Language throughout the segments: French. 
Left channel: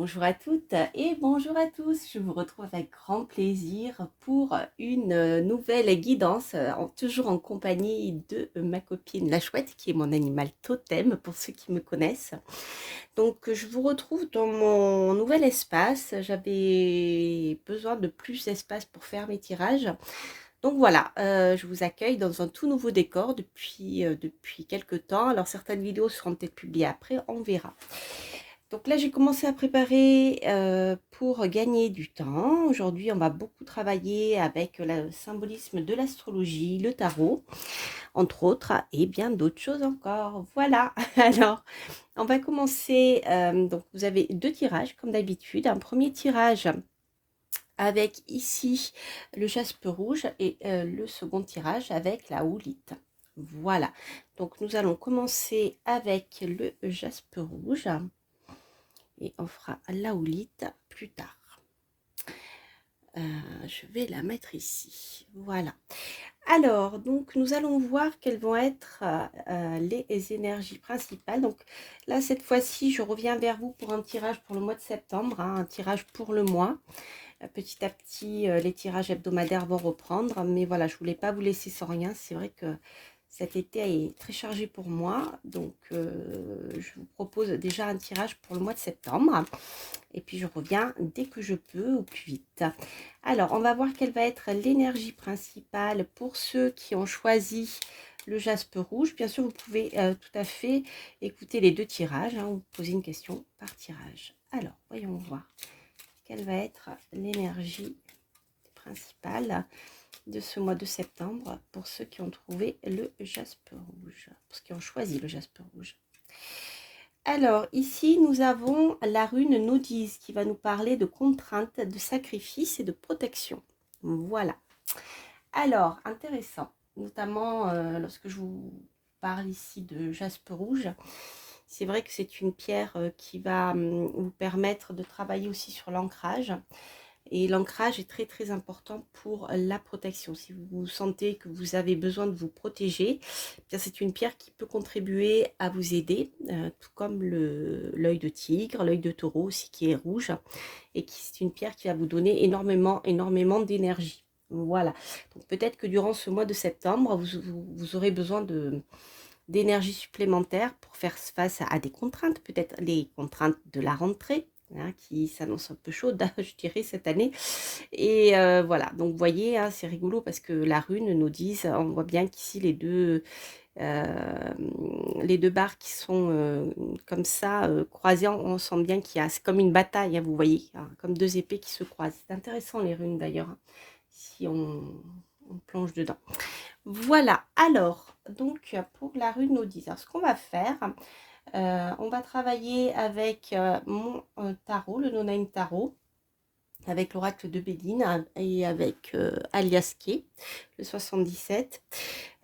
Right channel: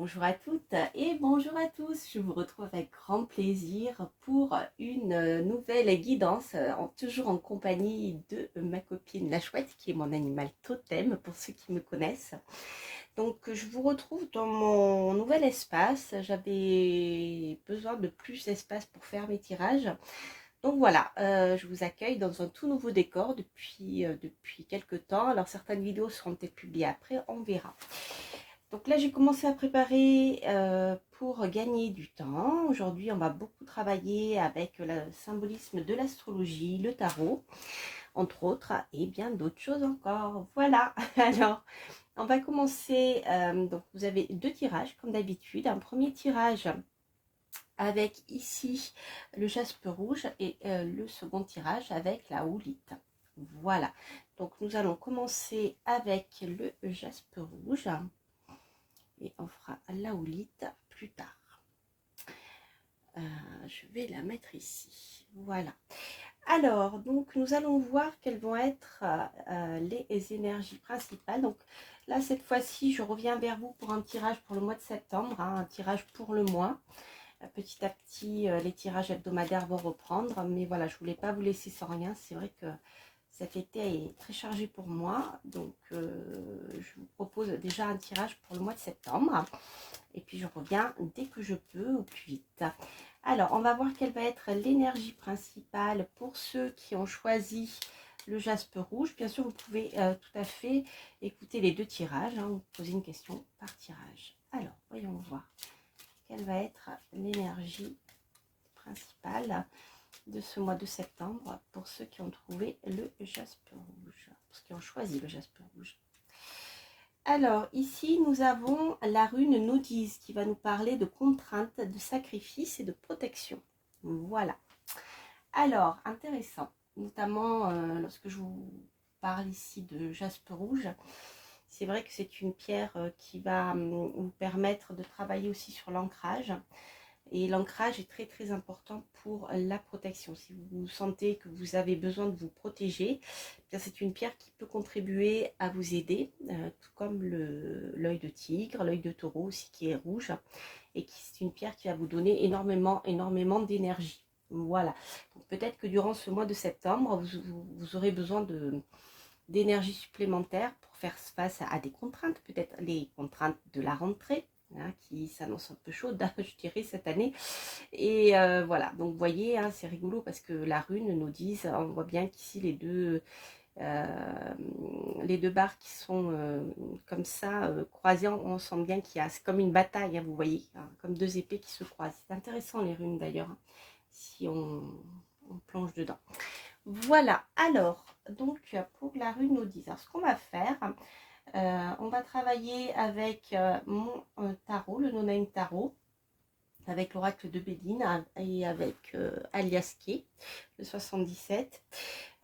Bonjour à toutes et bonjour à tous. Je vous retrouve avec grand plaisir pour une nouvelle guidance, toujours en compagnie de ma copine la chouette, qui est mon animal totem pour ceux qui me connaissent. Donc je vous retrouve dans mon nouvel espace. J'avais besoin de plus d'espace pour faire mes tirages. Donc voilà, je vous accueille dans un tout nouveau décor depuis quelques temps. Alors certaines vidéos seront peut-être publiées après, on verra. Donc là, j'ai commencé à préparer pour gagner du temps. Aujourd'hui, on va beaucoup travailler avec le symbolisme de l'astrologie, le tarot, entre autres, et bien d'autres choses encore. Voilà, alors, on va commencer. Donc, vous avez deux tirages, comme d'habitude. Un premier tirage avec ici le jaspe rouge et le second tirage avec la houlite. Voilà, donc nous allons commencer avec le jaspe rouge et on fera la houlite plus tard. Je vais la mettre ici. Voilà. Alors, donc, nous allons voir quelles vont être les énergies principales. Donc, là, cette fois-ci, je reviens vers vous pour un tirage pour le mois de septembre, hein, un tirage pour le mois. Petit à petit, les tirages hebdomadaires vont reprendre. Mais voilà, je ne voulais pas vous laisser sans rien. C'est vrai que cet été est très chargé pour moi. Donc, je vous propose déjà un tirage pour le mois de septembre. Et puis, je reviens dès que je peux, au plus vite. Alors, on va voir quelle va être l'énergie principale pour ceux qui ont choisi le jaspe rouge. Bien sûr, vous pouvez tout à fait écouter les deux tirages, hein, vous posez une question par tirage. Alors, voyons voir quelle va être l'énergie principale de ce mois de septembre pour ceux qui ont trouvé le jaspe rouge, pour ceux qui ont choisi le jaspe rouge. Alors, ici, nous avons la rune Nodise qui va nous parler de contraintes, de sacrifice et de protection. Voilà. Alors, intéressant, notamment lorsque je vous parle ici de jaspe rouge. C'est vrai que c'est une pierre qui va vous permettre de travailler aussi sur l'ancrage. Et l'ancrage est très très important pour la protection. Si vous sentez que vous avez besoin de vous protéger, c'est une pierre qui peut contribuer à vous aider, tout comme l'œil de tigre, l'œil de taureau aussi qui est rouge, et qui c'est une pierre qui va vous donner énormément d'énergie. Voilà, donc peut-être que durant ce mois de septembre, vous aurez besoin d'énergie supplémentaire pour faire face à des contraintes, peut-être les contraintes de la rentrée, hein, qui s'annonce un peu chaude, je dirais, cette année. Et voilà, donc vous voyez, hein, c'est rigolo parce que la rune nous dit, on voit bien qu'ici les deux barres qui sont comme ça, croisées, on sent bien qu'il y a, c'est comme une bataille, hein, vous voyez, hein, comme deux épées qui se croisent. C'est intéressant les runes d'ailleurs, hein, si on plonge dedans. Voilà, alors, donc pour la rune Odise, alors ce qu'on va faire, on va travailler avec mon tarot, le No-Name Tarot, avec l'oracle de Bédine et avec Alias Kay, le 77.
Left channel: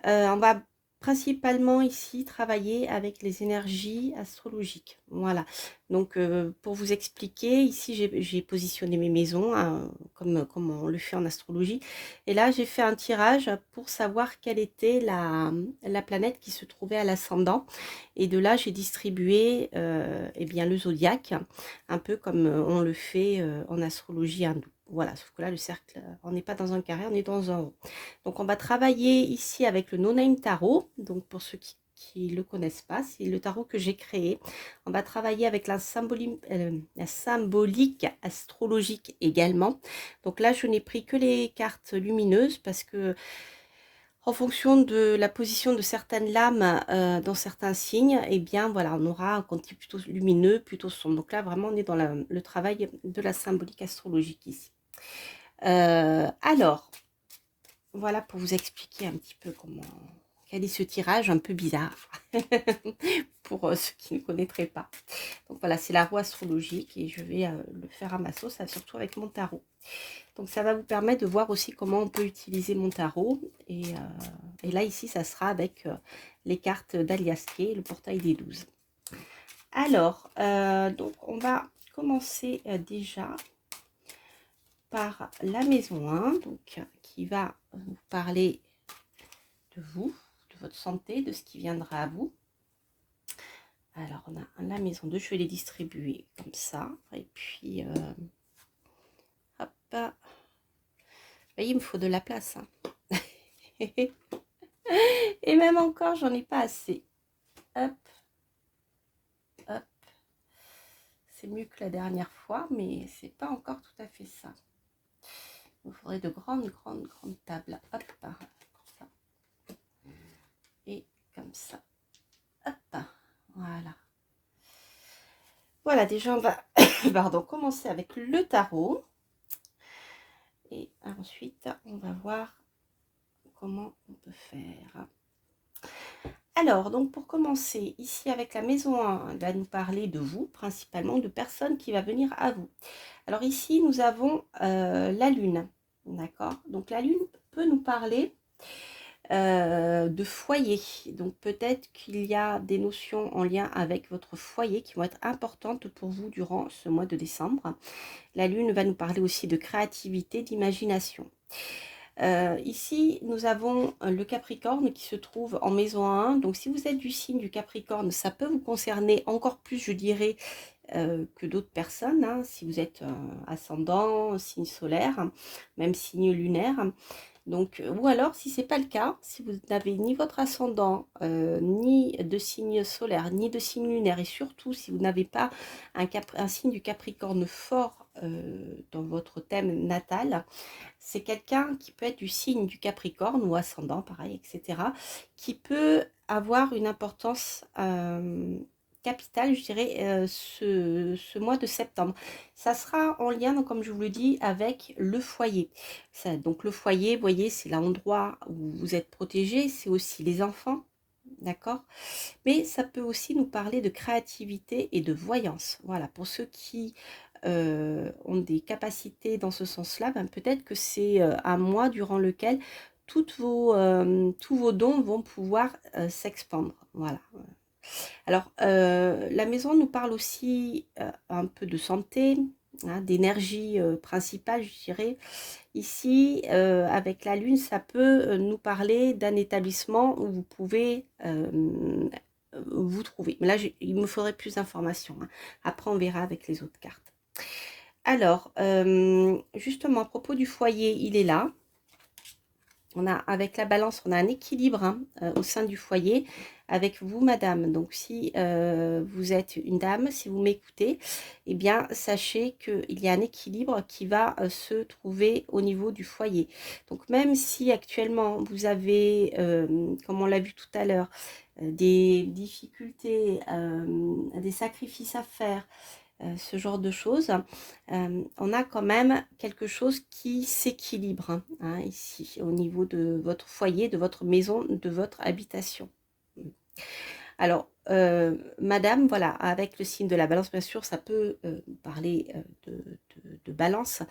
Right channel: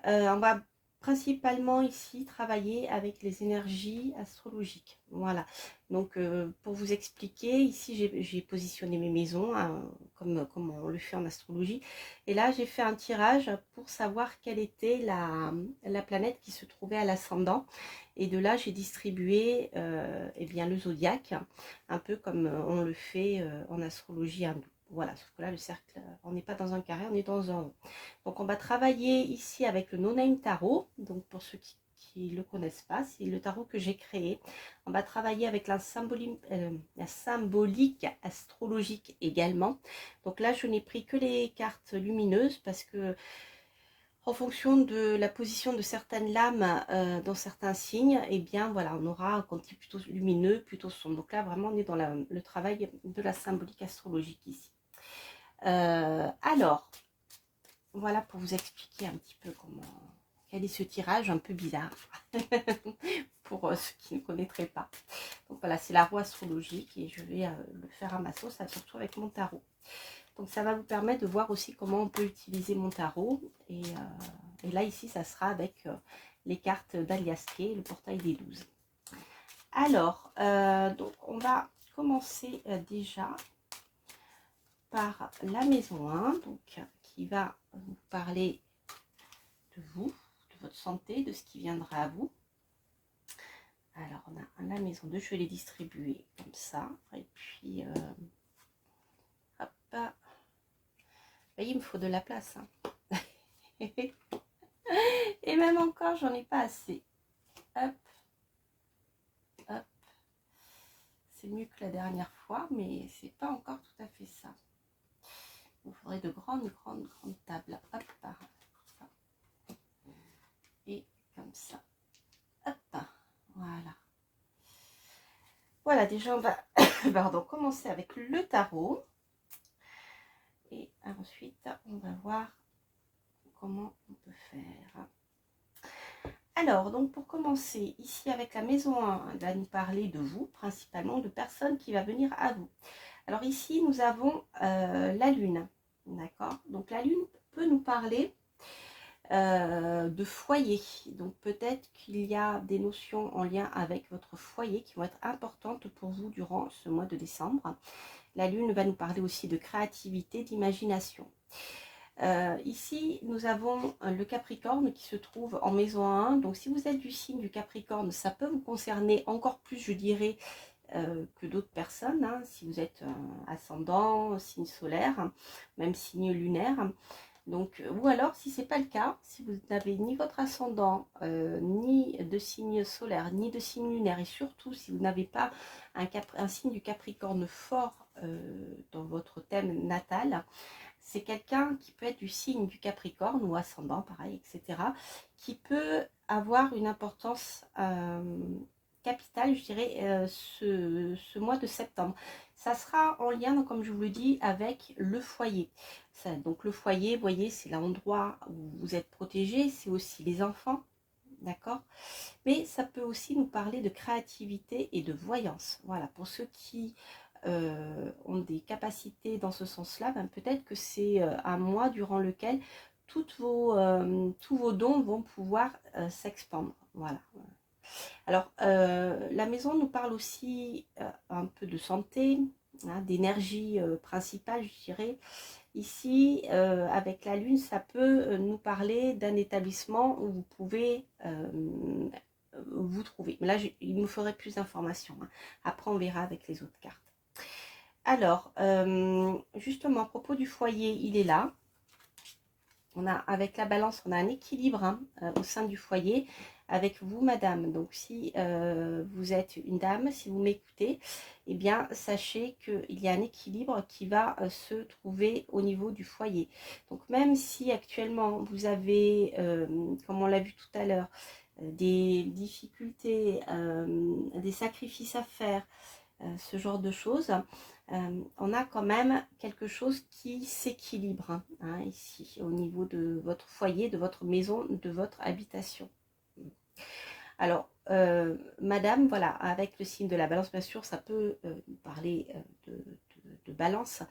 On va principalement ici travailler avec les énergies astrologiques. Voilà, donc pour vous expliquer, ici j'ai positionné mes maisons, hein, comme on le fait en astrologie. Et là, j'ai fait un tirage pour savoir quelle était la planète qui se trouvait à l'ascendant. Et de là, j'ai distribué eh bien, le zodiaque, un peu comme on le fait en astrologie hindoue. Voilà, sauf que là, le cercle, on n'est pas dans un carré, on est dans un rond. Donc, on va travailler ici avec le No-Name Tarot. Donc, pour ceux qui ne le connaissent pas, c'est le tarot que j'ai créé. On va travailler avec la symbolique astrologique également. Donc là, je n'ai pris que les cartes lumineuses parce que en fonction de la position de certaines lames dans certains signes, eh bien voilà, on aura un côté plutôt lumineux, plutôt sombre. Donc là, vraiment, on est dans le travail de la symbolique astrologique ici. Alors, voilà pour vous expliquer un petit peu quel est ce tirage un peu bizarre pour ceux qui ne connaîtraient pas. Donc voilà, c'est la roue astrologique et je vais le faire à ma sauce, surtout avec mon tarot. Donc ça va vous permettre de voir aussi comment on peut utiliser mon tarot. Et là, ici, ça sera avec les cartes d'Alias Kay, le portail des 12. Alors, donc on va commencer déjà par la maison 1, donc, qui va vous parler de vous, de votre santé, de ce qui viendra à vous. Alors, on a la maison 2, je vais les distribuer comme ça. Et puis, hop. Vous voyez, il me faut de la place. Hein. Et même encore, j'en ai pas assez. Hop. Hop. C'est mieux que la dernière fois, mais c'est pas encore tout à fait ça. Il faudrait de grandes tables. Hop. Ça. Et comme ça. Hop. Voilà. Voilà, déjà, on va pardon, commencer avec le tarot. Et ensuite, on va voir comment on peut faire. Alors, donc pour commencer, ici avec la maison 1, elle va nous parler de vous, principalement de personnes qui va venir à vous. Alors ici, nous avons la lune, d'accord? Donc la lune peut nous parler de foyer. Donc peut-être qu'il y a des notions en lien avec votre foyer qui vont être importantes pour vous durant ce mois de décembre. La lune va nous parler aussi de créativité, d'imagination. Ici, nous avons le Capricorne qui se trouve en maison 1. Donc, si vous êtes du signe du Capricorne, ça peut vous concerner encore plus, je dirais, que d'autres personnes. Hein, si vous êtes ascendant, signe solaire, même signe lunaire. Donc, ou alors, si ce n'est pas le cas, si vous n'avez ni votre ascendant, ni de signe solaire, ni de signe lunaire, et surtout si vous n'avez pas un signe du Capricorne fort dans votre thème natal, c'est quelqu'un qui peut être du signe du Capricorne ou ascendant, pareil, etc., qui peut avoir une importance capitale, je dirais, ce mois de septembre. Ça sera en lien, donc, comme je vous le dis, avec le foyer. Ça, donc le foyer, vous voyez, c'est l'endroit où vous êtes protégé, c'est aussi les enfants, d'accord? Mais ça peut aussi nous parler de créativité et de voyance. Voilà, pour ceux qui ont des capacités dans ce sens-là, ben peut-être que c'est un mois durant lequel tous vos dons vont pouvoir s'expandre. Voilà. Alors, la maison nous parle aussi un peu de santé, hein, d'énergie principale, je dirais. Ici, avec la lune, ça peut nous parler d'un établissement où vous pouvez vous trouver. Mais là, il me faudrait plus d'informations. Hein. Après, on verra avec les autres cartes. Alors, justement, à propos du foyer, il est là. On a, avec la balance, on a un équilibre hein, au sein du foyer avec vous, madame. Donc, si vous êtes une dame, si vous m'écoutez, eh bien, sachez qu'il y a un équilibre qui va se trouver au niveau du foyer. Donc, même si actuellement, vous avez, comme on l'a vu tout à l'heure, des difficultés, des sacrifices à faire, ce genre de choses, on a quand même quelque chose qui s'équilibre hein, ici au niveau de votre foyer, de votre maison, de votre habitation. Alors, madame, voilà, avec le signe de la balance, bien sûr, ça peut parler de balance,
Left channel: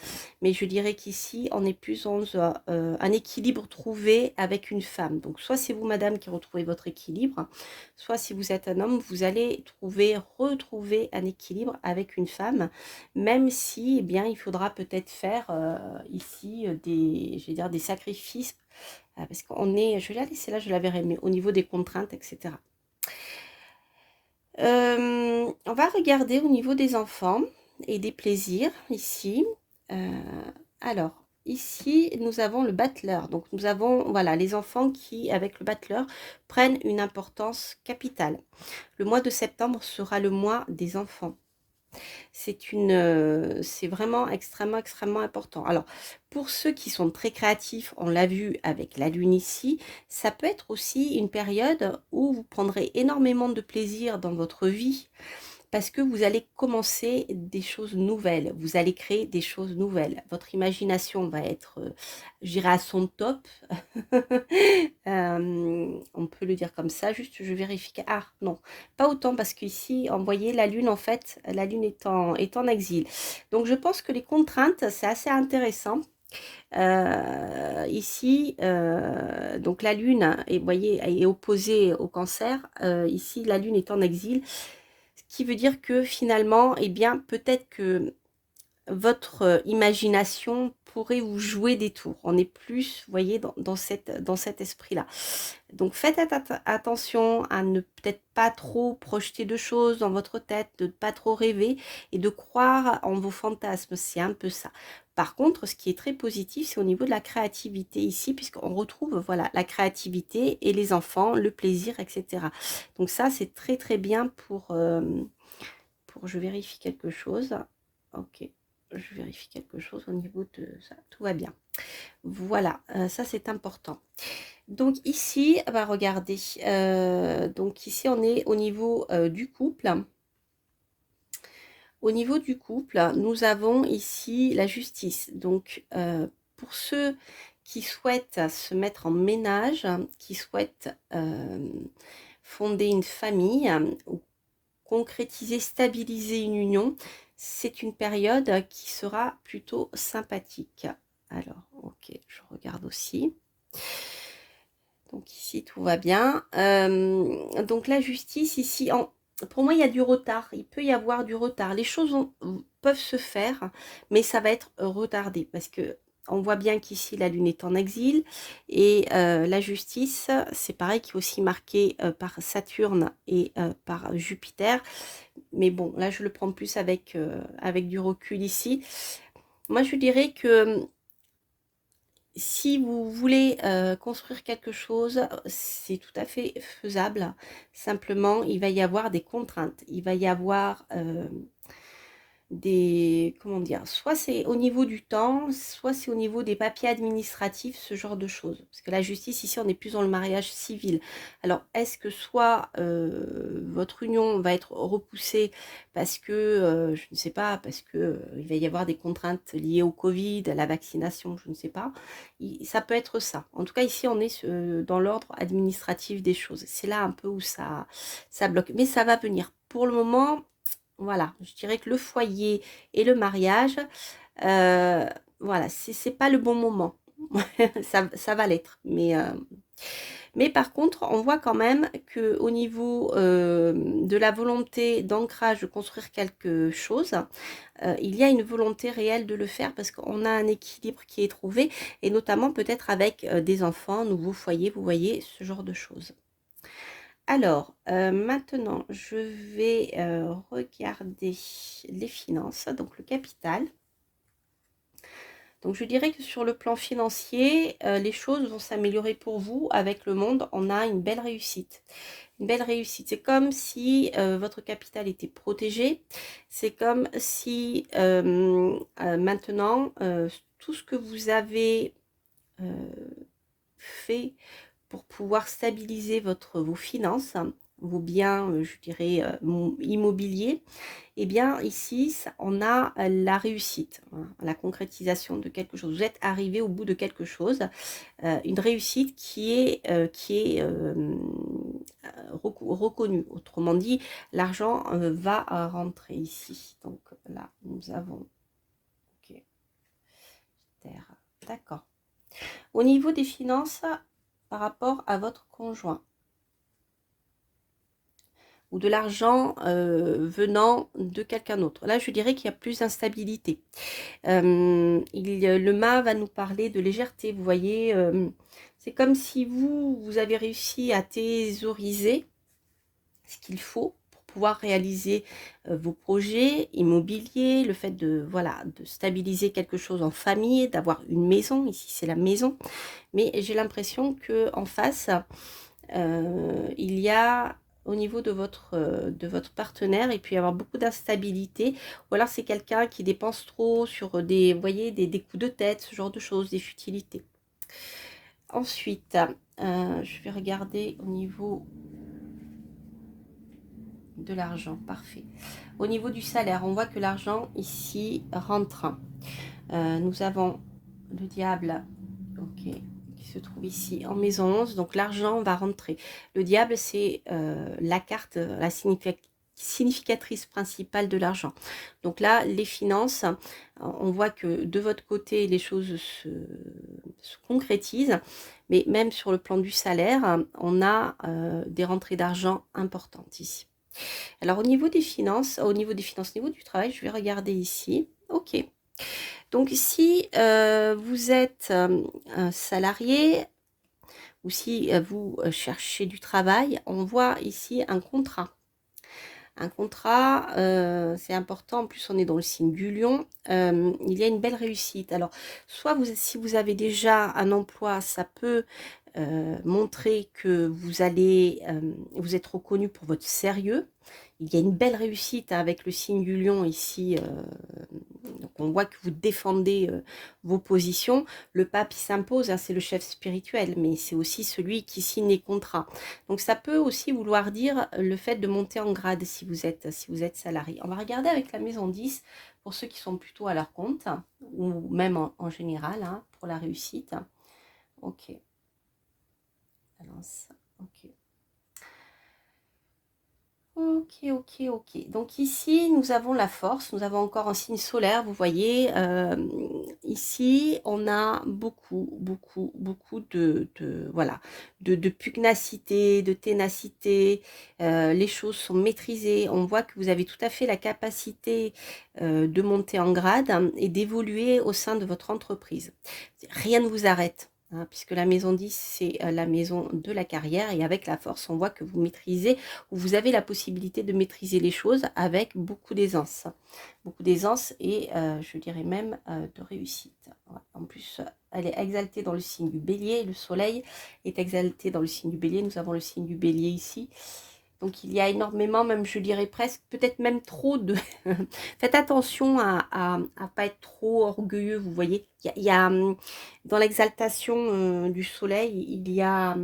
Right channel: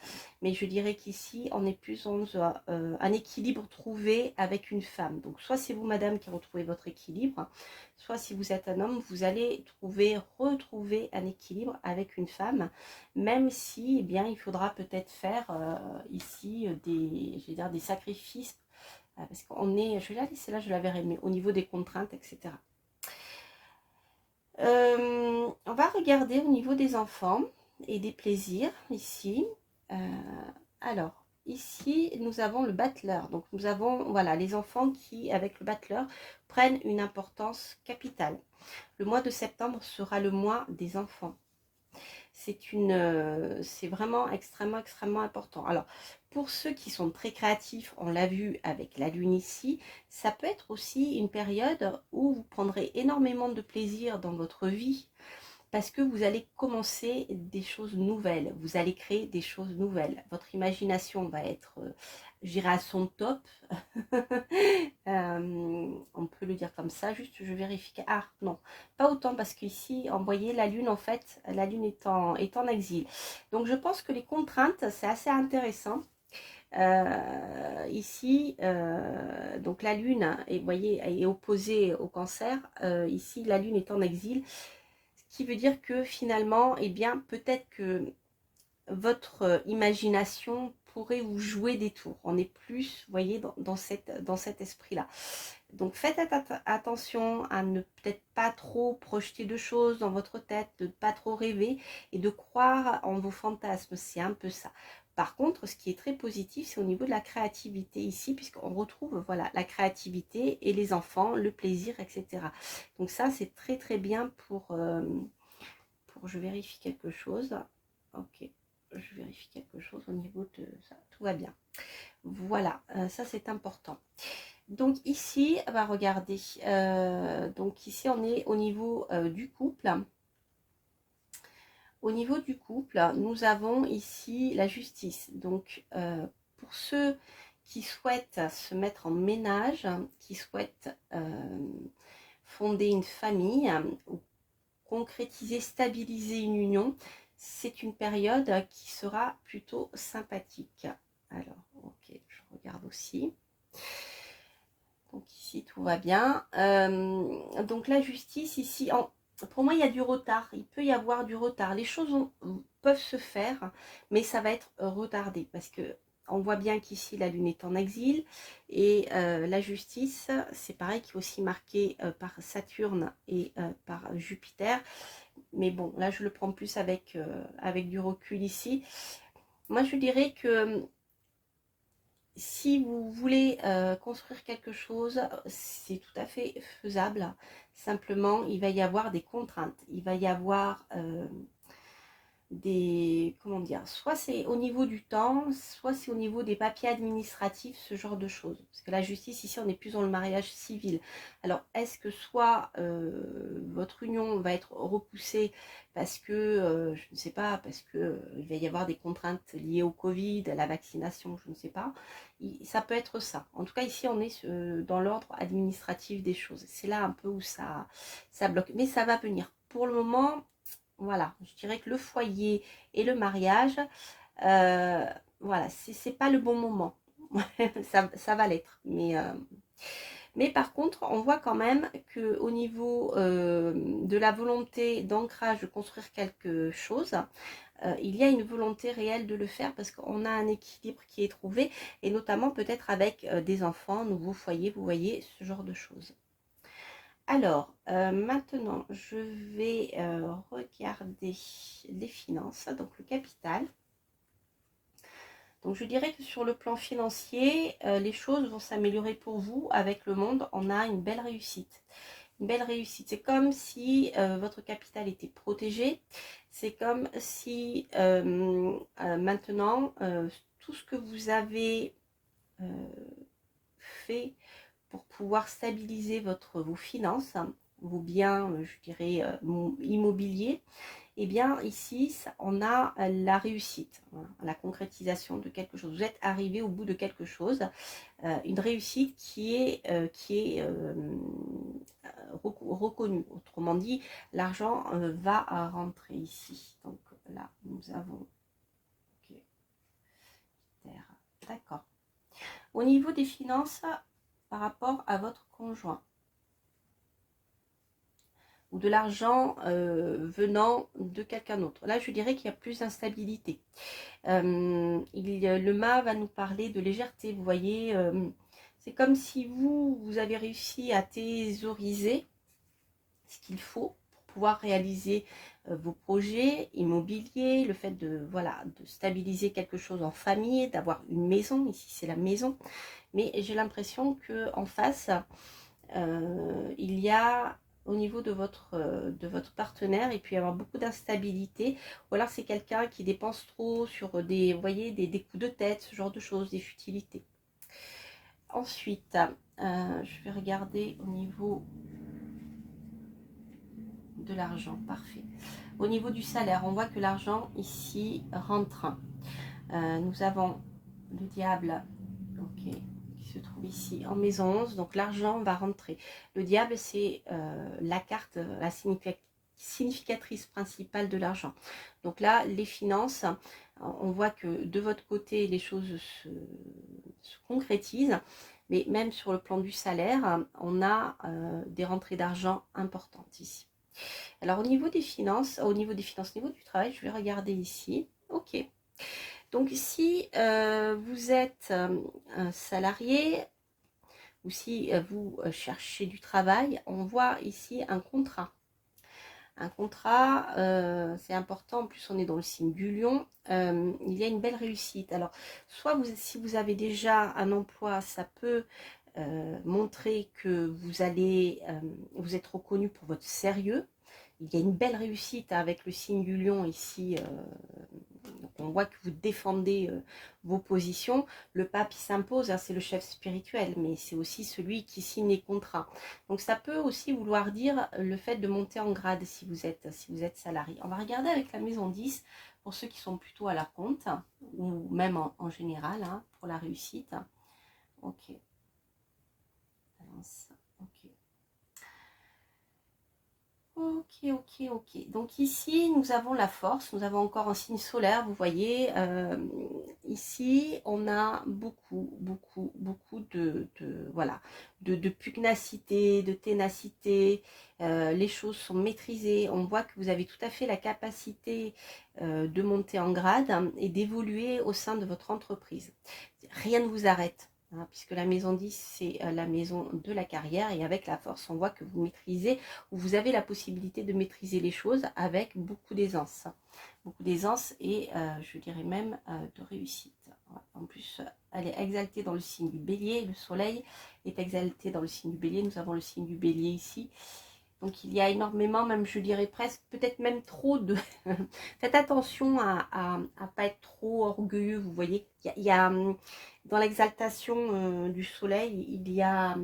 mais je dirais qu'ici, on est plus dans un équilibre trouvé avec une femme. Donc, soit c'est vous, madame, qui retrouvez votre équilibre, soit si vous êtes un homme, vous allez retrouver un équilibre avec une femme, même si, eh bien, il faudra peut-être faire ici je vais dire, des sacrifices, parce qu'on est, je vais la laisser là, je la verrai, mais au niveau des contraintes, etc. On va regarder au niveau des enfants et des plaisirs ici. Alors, ici, nous avons le battleur. Donc, nous avons voilà, les enfants qui, avec le battleur, prennent une importance capitale. Le mois de septembre sera le mois des enfants. C'est vraiment extrêmement important. Alors, pour ceux qui sont très créatifs, on l'a vu avec la lune ici, ça peut être aussi une période où vous prendrez énormément de plaisir dans votre vie parce que vous allez commencer des choses nouvelles, vous allez créer des choses nouvelles. Votre imagination va être, je dirais, à son top. On peut le dire comme ça, juste je vérifie. Ah non, pas autant parce qu'ici, vous voyez, la lune, en fait, la lune est en exil. Donc je pense que les contraintes, c'est assez intéressant. Ici, donc la lune, et vous voyez, est opposée au cancer. Ici, la lune est en exil. Ce qui veut dire que finalement, eh bien, peut-être que votre imagination pourrait vous jouer des tours. On est plus, vous voyez, dans cet esprit-là. Donc faites attention à ne peut-être pas trop projeter de choses dans votre tête, de ne pas trop rêver et de croire en vos fantasmes. C'est un peu ça. Par contre, ce qui est très positif, c'est au niveau de la créativité ici, puisqu'on retrouve voilà, la créativité et les enfants, le plaisir, etc. Donc ça, c'est très très bien pour... Je vérifie quelque chose. Ok, je vérifie quelque chose au niveau de ça. Tout va bien. Voilà, ça c'est important. Donc ici, bah, regardez, donc ici on est au niveau du couple. Au niveau du couple, nous avons ici la justice. Donc pour ceux qui souhaitent se mettre en ménage, qui souhaitent fonder une famille ou concrétiser, stabiliser une union, c'est une période qui sera plutôt sympathique. Alors, ok, je regarde aussi. Donc ici, tout va bien. Donc la justice, ici, pour moi, il y a du retard. Il peut y avoir du retard. Les choses peuvent se faire, mais ça va être retardé parce que on voit bien qu'ici, la Lune est en exil. Et la justice, c'est pareil, qui est aussi marqué par Saturne et par Jupiter. Mais bon, là, je le prends plus avec du recul ici. Moi, je dirais que si vous voulez construire quelque chose, c'est tout à fait faisable. Simplement, il va y avoir des contraintes. Il va y avoir comment dire, soit c'est au niveau du temps, soit c'est au niveau des papiers administratifs, ce genre de choses. Parce que la justice, ici, on est plus dans le mariage civil. Alors, est-ce que soit votre union va être repoussée parce que, je ne sais pas, parce que il va y avoir des contraintes liées au Covid, à la vaccination, je ne sais pas. Ça peut être ça. En tout cas, ici, on est dans l'ordre administratif des choses. C'est là un peu où ça bloque. Mais ça va venir. Pour le moment, voilà, je dirais que le foyer et le mariage, voilà, c'est pas le bon moment. Ça va l'être. Mais par contre, on voit quand même qu'au niveau de la volonté d'ancrage, de construire quelque chose, il y a une volonté réelle de le faire parce qu'on a un équilibre qui est trouvé, et notamment peut-être avec des enfants, nouveaux foyers, vous voyez, ce genre de choses. Alors, maintenant, je vais regarder les finances, donc le capital. Donc, je dirais que sur le plan financier, les choses vont s'améliorer pour vous. Avec le monde, on a une belle réussite. Une belle réussite. C'est comme si votre capital était protégé. C'est comme si maintenant, tout ce que vous avez fait pour pouvoir stabiliser vos finances, vos biens, je dirais, immobiliers, et bien ici, on a la réussite, hein, la concrétisation de quelque chose. Vous êtes arrivé au bout de quelque chose, une réussite qui est reconnue. Autrement dit, l'argent va rentrer ici. Donc là, nous avons... Ok, terre. D'accord. Au niveau des finances, par rapport à votre conjoint, ou de l'argent venant de quelqu'un d'autre. Là, je dirais qu'il y a plus d'instabilité. Le mât va nous parler de légèreté. Vous voyez, c'est comme si vous avez réussi à thésauriser ce qu'il faut pour pouvoir réaliser vos projets immobiliers, le fait de, voilà, de stabiliser quelque chose en famille, d'avoir une maison. Ici, c'est la maison. Mais j'ai l'impression qu'en face, il y a au niveau de votre partenaire, il peut y avoir beaucoup d'instabilité, ou alors c'est quelqu'un qui dépense trop sur des, vous voyez, des coups de tête, ce genre de choses, des futilités. Ensuite, je vais regarder au niveau de l'argent, parfait. Au niveau du salaire, on voit que l'argent ici rentre. Nous avons le diable, ok, se trouve ici en maison 11, donc l'argent va rentrer. Le diable, c'est la carte, la significatrice principale de l'argent. Donc là, les finances, on voit que de votre côté, les choses se concrétisent, mais même sur le plan du salaire, on a des rentrées d'argent importantes ici. Alors au niveau des finances, au niveau du travail, je vais regarder ici. Ok. Donc, si vous êtes un salarié ou si vous cherchez du travail, on voit ici un contrat. Un contrat, c'est important, en plus on est dans le signe du lion, il y a une belle réussite. Alors, soit si vous avez déjà un emploi, ça peut montrer que vous êtes reconnu pour votre sérieux. Il y a une belle réussite avec le signe du lion ici, donc on voit que vous défendez vos positions. Le pape il s'impose, hein, c'est le chef spirituel, mais c'est aussi celui qui signe les contrats. Donc ça peut aussi vouloir dire le fait de monter en grade si vous êtes salarié. On va regarder avec la maison 10 pour ceux qui sont plutôt à leur compte, ou même en général, hein, pour la réussite. Ok. Balance. Ok. Ok, ok, ok. Donc ici, nous avons la force, nous avons encore un signe solaire, vous voyez. Ici, on a beaucoup voilà, de pugnacité, de ténacité. Les choses sont maîtrisées. On voit que vous avez tout à fait la capacité de monter en grade, hein, et d'évoluer au sein de votre entreprise. Rien ne vous arrête. Hein, puisque la maison 10, c'est la maison de la carrière, et avec la force, on voit que vous maîtrisez, ou vous avez la possibilité de maîtriser les choses avec beaucoup d'aisance. Beaucoup d'aisance et je dirais même de réussite. Voilà. En plus, elle est exaltée dans le signe du bélier, le soleil est exalté dans le signe du bélier, nous avons le signe du bélier ici. Donc il y a énormément, même je dirais presque, peut-être même trop de... Faites attention à pas être trop orgueilleux, vous voyez. Il y a dans l'exaltation du soleil, il y a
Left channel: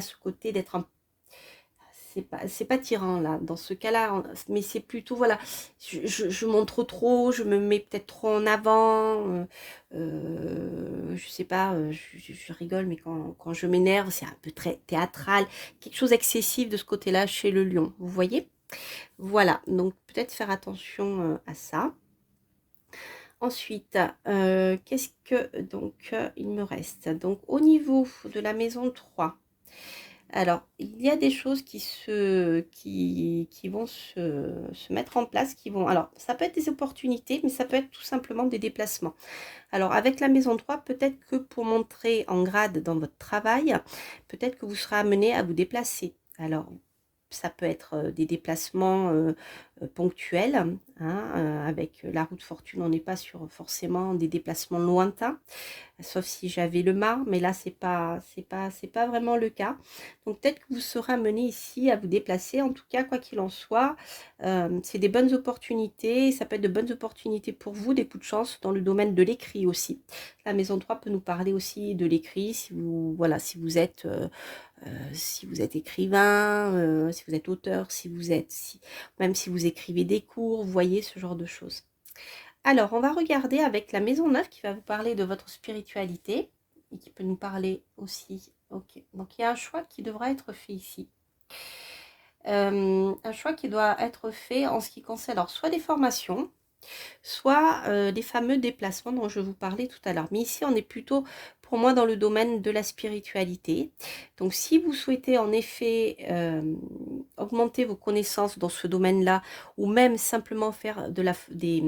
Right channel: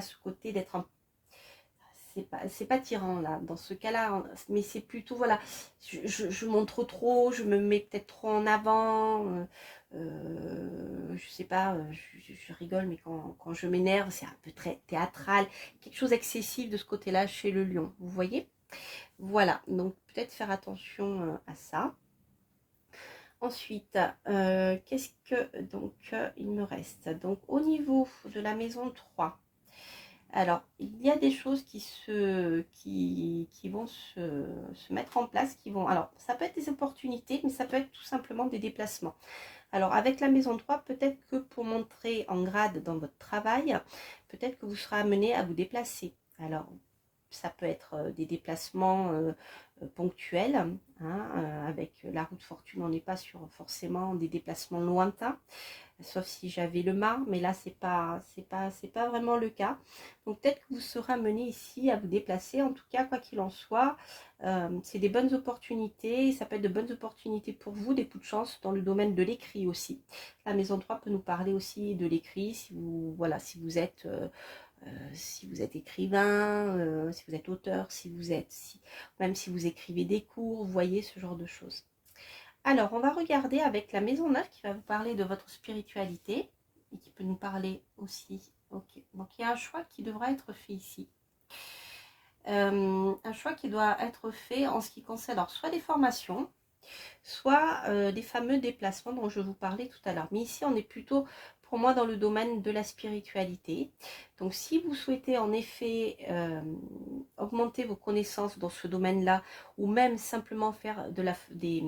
ce côté d'être un... C'est pas tyran là, dans ce cas-là, mais c'est plutôt, voilà, je montre trop, je me mets peut-être trop en avant, je sais pas, je rigole, mais quand je m'énerve, c'est un peu très théâtral, quelque chose d'excessif de ce côté-là chez le lion, vous voyez. Voilà, donc peut-être faire attention à ça. Ensuite, qu'est-ce que donc il me reste? Donc au niveau de la maison 3, alors il y a des choses qui vont se mettre en place, qui vont, alors ça peut être des opportunités, mais ça peut être tout simplement des déplacements. Alors avec la maison 3, peut-être que pour montrer en grade dans votre travail, peut-être que vous serez amené à vous déplacer. Alors ça peut être des déplacements ponctuels, hein, avec la route fortune, on n'est pas sur forcément des déplacements lointains, sauf si j'avais le mât, mais là c'est pas vraiment le cas. Donc peut-être que vous serez amené ici à vous déplacer. En tout cas, quoi qu'il en soit, c'est des bonnes opportunités. Ça peut être de bonnes opportunités pour vous, des coups de chance dans le domaine de l'écrit aussi. La maison 3 peut nous parler aussi de l'écrit, si vous, voilà, si vous êtes écrivain, si vous êtes auteur, même si vous écrivez des cours, vous voyez, ce genre de choses. Alors, on va regarder avec la maison 9 qui va vous parler de votre spiritualité et qui peut nous parler aussi. Ok, donc il y a un choix qui devra être fait ici. Un choix qui doit être fait en ce qui concerne alors soit des formations, soit des fameux déplacements dont je vous parlais tout à l'heure. Mais ici, on est plutôt, pour moi, dans le domaine de la spiritualité. Donc, si vous souhaitez en effet augmenter vos connaissances dans ce domaine-là, ou même simplement faire des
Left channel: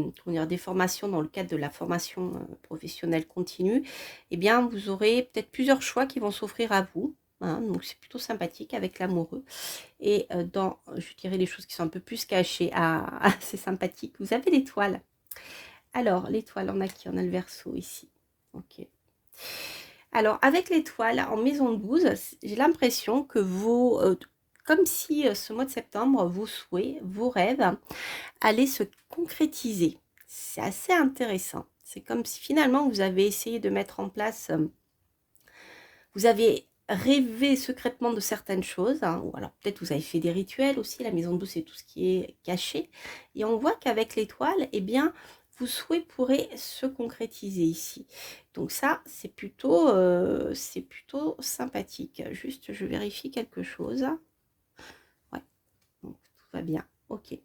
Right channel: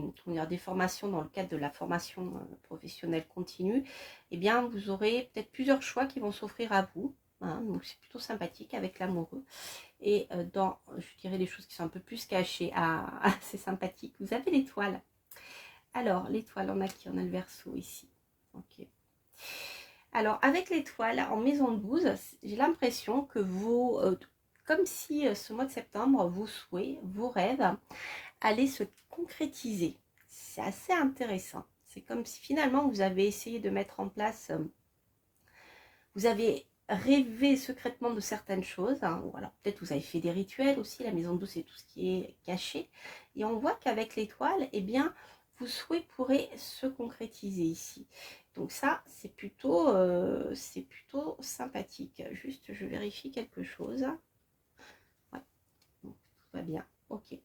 formations dans le cadre de la formation professionnelle continue, eh bien, vous aurez peut-être plusieurs choix qui vont s'offrir à vous. Hein, donc, c'est plutôt sympathique avec l'amoureux. Et dans, je dirais, les choses qui sont un peu plus cachées, c'est sympathique, vous avez l'étoile. Alors, l'étoile, on a qui? On a le Verseau ici. Ok. Alors, avec l'étoile, en maison 12, j'ai l'impression que comme si ce mois de septembre, vos souhaits, vos rêves allaient se concrétiser. C'est assez intéressant. C'est comme si finalement, vous avez essayé de mettre en place, vous avez rêvé secrètement de certaines choses, hein, ou alors peut-être vous avez fait des rituels aussi. La maison 12, c'est tout ce qui est caché. Et on voit qu'avec l'étoile, eh bien, vos souhaits pourraient se concrétiser ici. Donc ça, c'est plutôt sympathique. Juste, je vérifie quelque chose. Ouais, donc, tout va bien. Ok.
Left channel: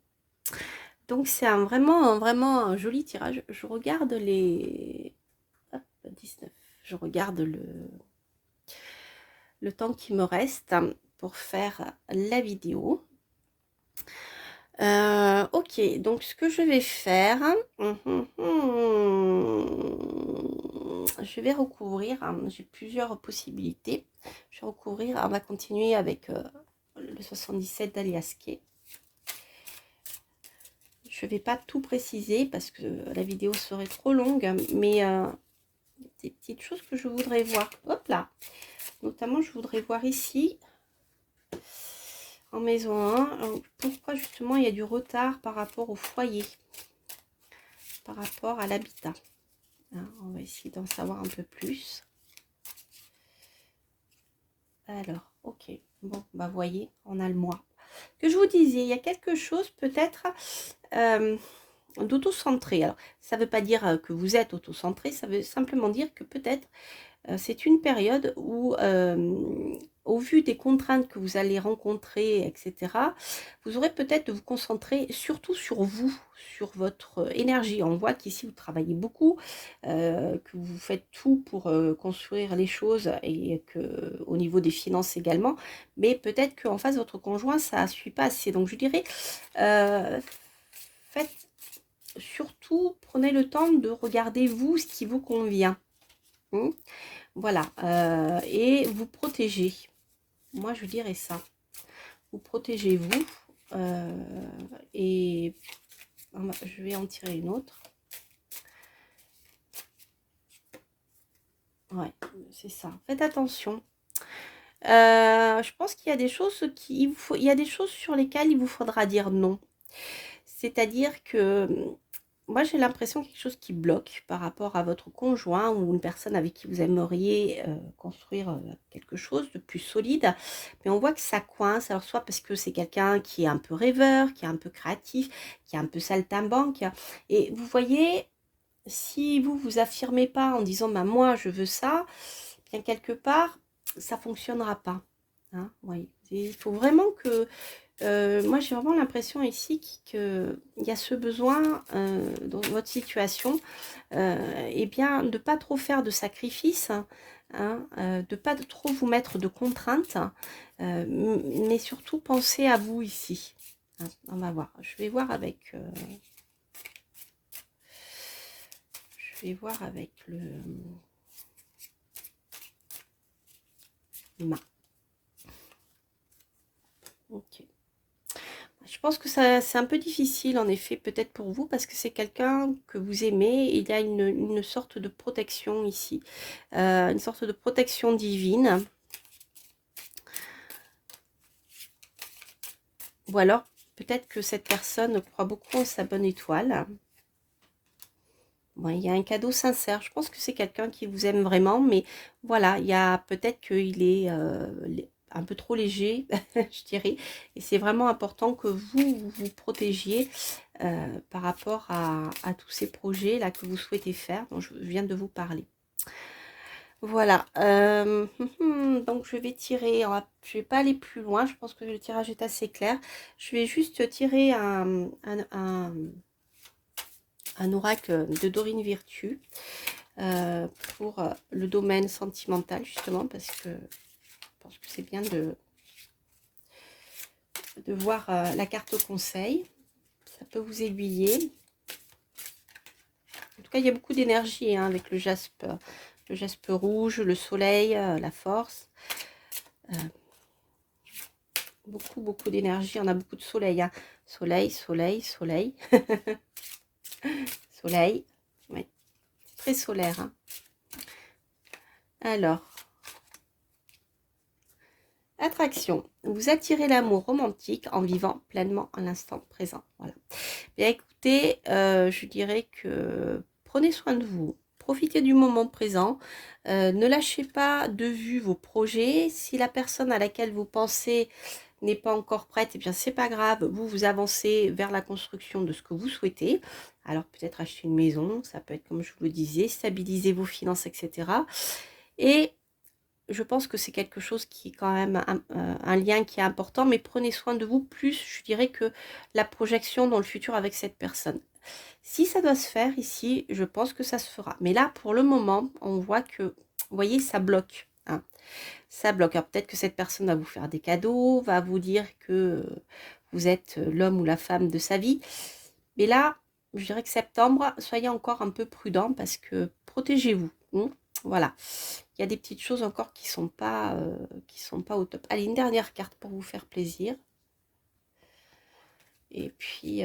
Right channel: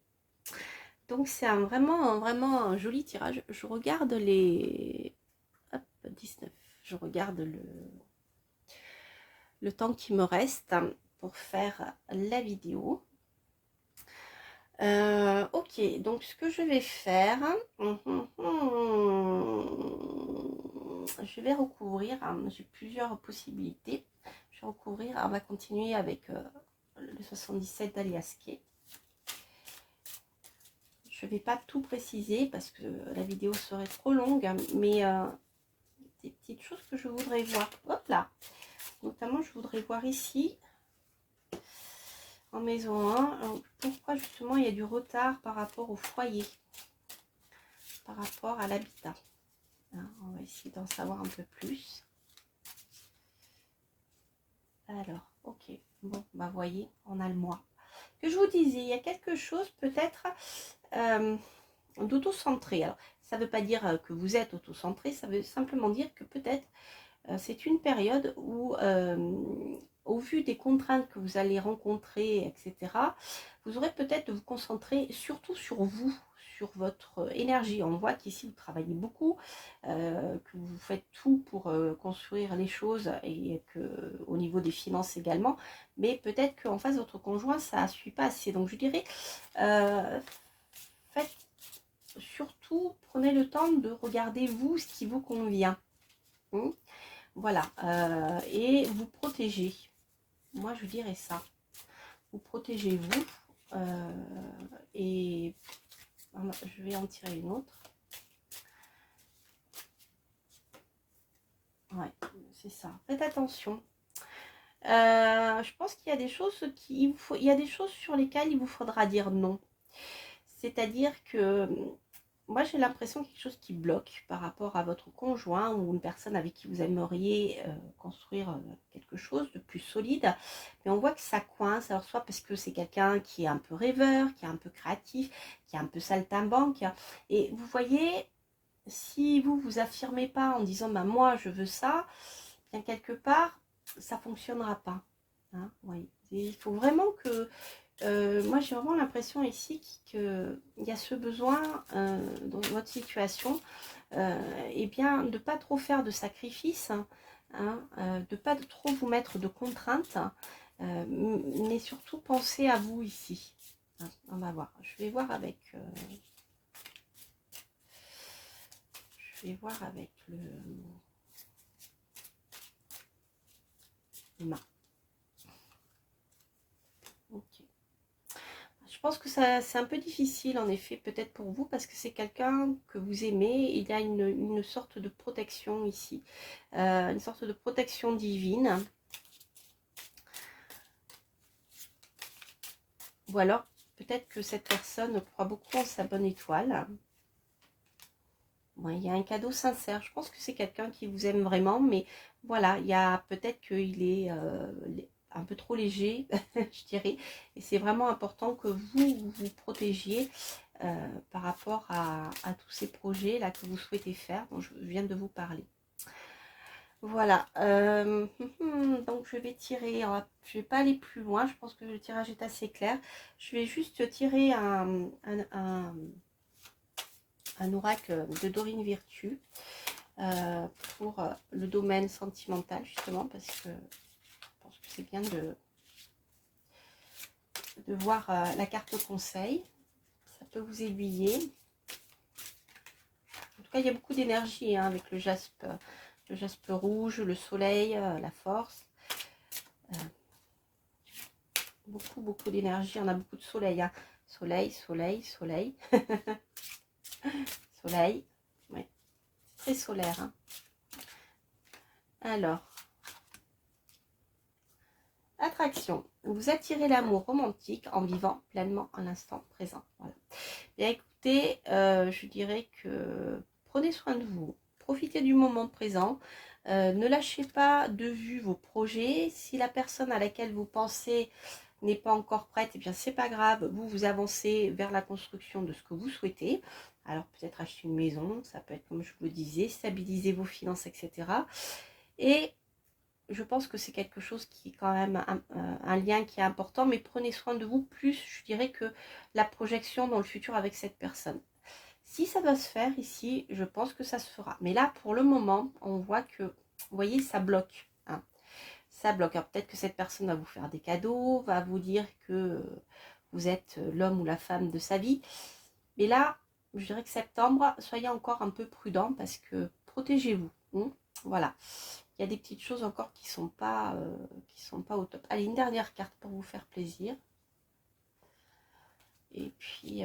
Donc c'est vraiment un joli tirage. Je regarde les... Hop, 19. Je regarde le temps qui me reste pour faire la vidéo. Ok, donc ce que je vais faire, je vais recouvrir, hein, j'ai plusieurs possibilités. Je vais recouvrir, on va continuer avec le 77 d'Aliasqué. Je ne vais pas tout préciser parce que la vidéo serait trop longue, mais des petites choses que je voudrais voir. Hop là, notamment je voudrais voir ici en maison 1 pourquoi justement il y a du retard par rapport au foyer, par rapport à l'habitat. Hein, on va essayer d'en savoir un peu plus. Alors, ok, bon, bah voyez, on a le mois. Que je vous disais, il y a quelque chose peut-être d'autocentré. Alors, ça ne veut pas dire que vous êtes autocentré, ça veut simplement dire que peut-être c'est une période où, au vu des contraintes que vous allez rencontrer, etc., vous aurez peut-être de vous concentrer surtout sur vous, sur votre énergie. On voit qu'ici, vous travaillez beaucoup, que vous faites tout pour construire les choses et que au niveau des finances également, mais peut-être qu'en face, votre conjoint, ça ne suit pas assez. Donc, je dirais, faites surtout, prenez le temps de regarder vous ce qui vous convient. Voilà, et vous protégez. Moi, je dirais ça. Vous protégez-vous. Et je vais en tirer une autre. Ouais, c'est ça. Faites attention. Je pense qu'il y a des choses il y a des choses sur lesquelles il vous faudra dire non. C'est-à-dire que moi, j'ai l'impression quelque chose qui bloque par rapport à votre conjoint ou une personne avec qui vous aimeriez construire quelque chose de plus solide. Mais on voit que ça coince. Alors, soit parce que c'est quelqu'un qui est un peu rêveur, qui est un peu créatif, qui est un peu saltimbanque. Et vous voyez, si vous vous affirmez pas en disant bah, moi, je veux ça, bien quelque part, ça ne fonctionnera pas. Hein, oui. Il faut vraiment que moi, j'ai vraiment l'impression ici qu'il y a ce besoin dans votre situation, eh bien, de ne pas trop faire de sacrifices, hein, de ne pas trop vous mettre de contraintes, mais surtout penser à vous ici. Hein, on va voir. Je vais voir avec l'humain. Ok. Je pense que c'est un peu difficile, en effet, peut-être pour vous, parce que c'est quelqu'un que vous aimez. Il y a une sorte de protection ici, une sorte de protection divine. Ou alors, peut-être que cette personne croit beaucoup en sa bonne étoile. Bon, il y a un cadeau sincère. Je pense que c'est quelqu'un qui vous aime vraiment, mais voilà, il y a peut-être qu'il est un peu trop léger, je dirais. Et c'est vraiment important que vous protégiez par rapport à tous ces projets-là que vous souhaitez faire, dont je viens de vous parler. Voilà, donc je vais tirer, je ne vais pas aller plus loin, je pense que le tirage est assez clair. Je vais juste tirer un oracle de Dorine Virtue pour le domaine sentimental, justement, parce que je pense que c'est bien de voir la carte conseil. Ça peut vous aiguiller. En tout cas, il y a beaucoup d'énergie hein, avec le jaspe rouge, le soleil, la force. Beaucoup d'énergie. On a beaucoup de soleil. Hein. Soleil, soleil, soleil. Soleil. Ouais. C'est très solaire. Hein. Alors, attraction. Vous attirez l'amour romantique en vivant pleinement à l'instant présent. Voilà. Bien écoutez, je dirais que prenez soin de vous. Profitez du moment présent. Ne lâchez pas de vue vos projets. Si la personne à laquelle vous pensez n'est pas encore prête, eh bien c'est pas grave. Vous avancez vers la construction de ce que vous souhaitez. Alors peut-être acheter une maison, ça peut être comme je vous le disais, stabiliser vos finances, etc. Et je pense que c'est quelque chose qui est quand même un lien qui est important, mais prenez soin de vous plus, je dirais, que la projection dans le futur avec cette personne. Si ça doit se faire ici, je pense que ça se fera. Mais là, pour le moment, on voit que, vous voyez, ça bloque. Hein. Ça bloque. Alors peut-être que cette personne va vous faire des cadeaux, va vous dire que vous êtes l'homme ou la femme de sa vie. Mais là, je dirais que septembre, soyez encore un peu prudent parce que protégez-vous. Voilà. Il y a des petites choses encore qui sont pas au top. Allez, une dernière carte pour vous faire plaisir. Et puis,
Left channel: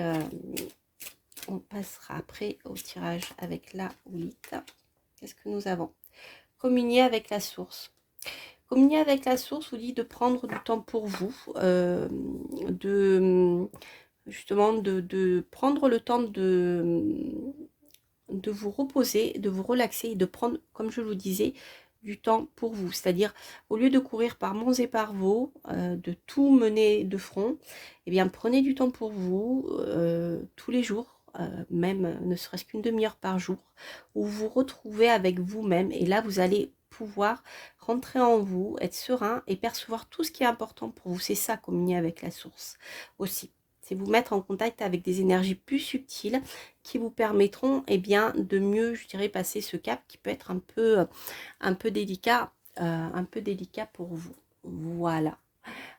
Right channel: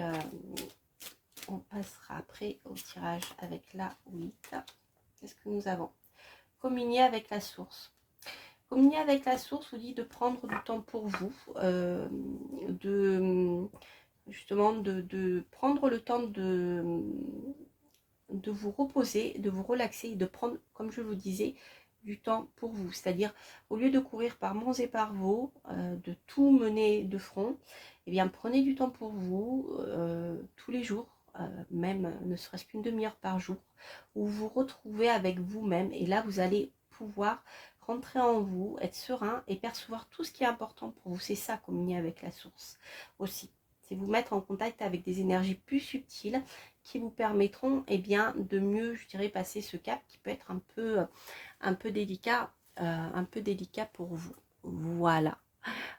on passera après au tirage avec la 8. Qu'est-ce que nous avons? Communier avec la source. Communier avec la source vous dit de prendre du temps pour vous, justement de prendre le temps de vous reposer, de vous relaxer et de prendre, comme je vous disais, du temps pour vous. C'est-à-dire, au lieu de courir par monts et par vaux, de tout mener de front, eh bien, prenez du temps pour vous tous les jours, même ne serait-ce qu'une demi-heure par jour, où vous vous retrouvez avec vous-même. Et là, vous allez pouvoir rentrer en vous, être serein et percevoir tout ce qui est important pour vous. C'est ça, communier avec la source aussi. C'est vous mettre en contact avec des énergies plus subtiles qui vous permettront de mieux, je dirais, passer ce cap qui peut être un peu délicat pour vous. Voilà.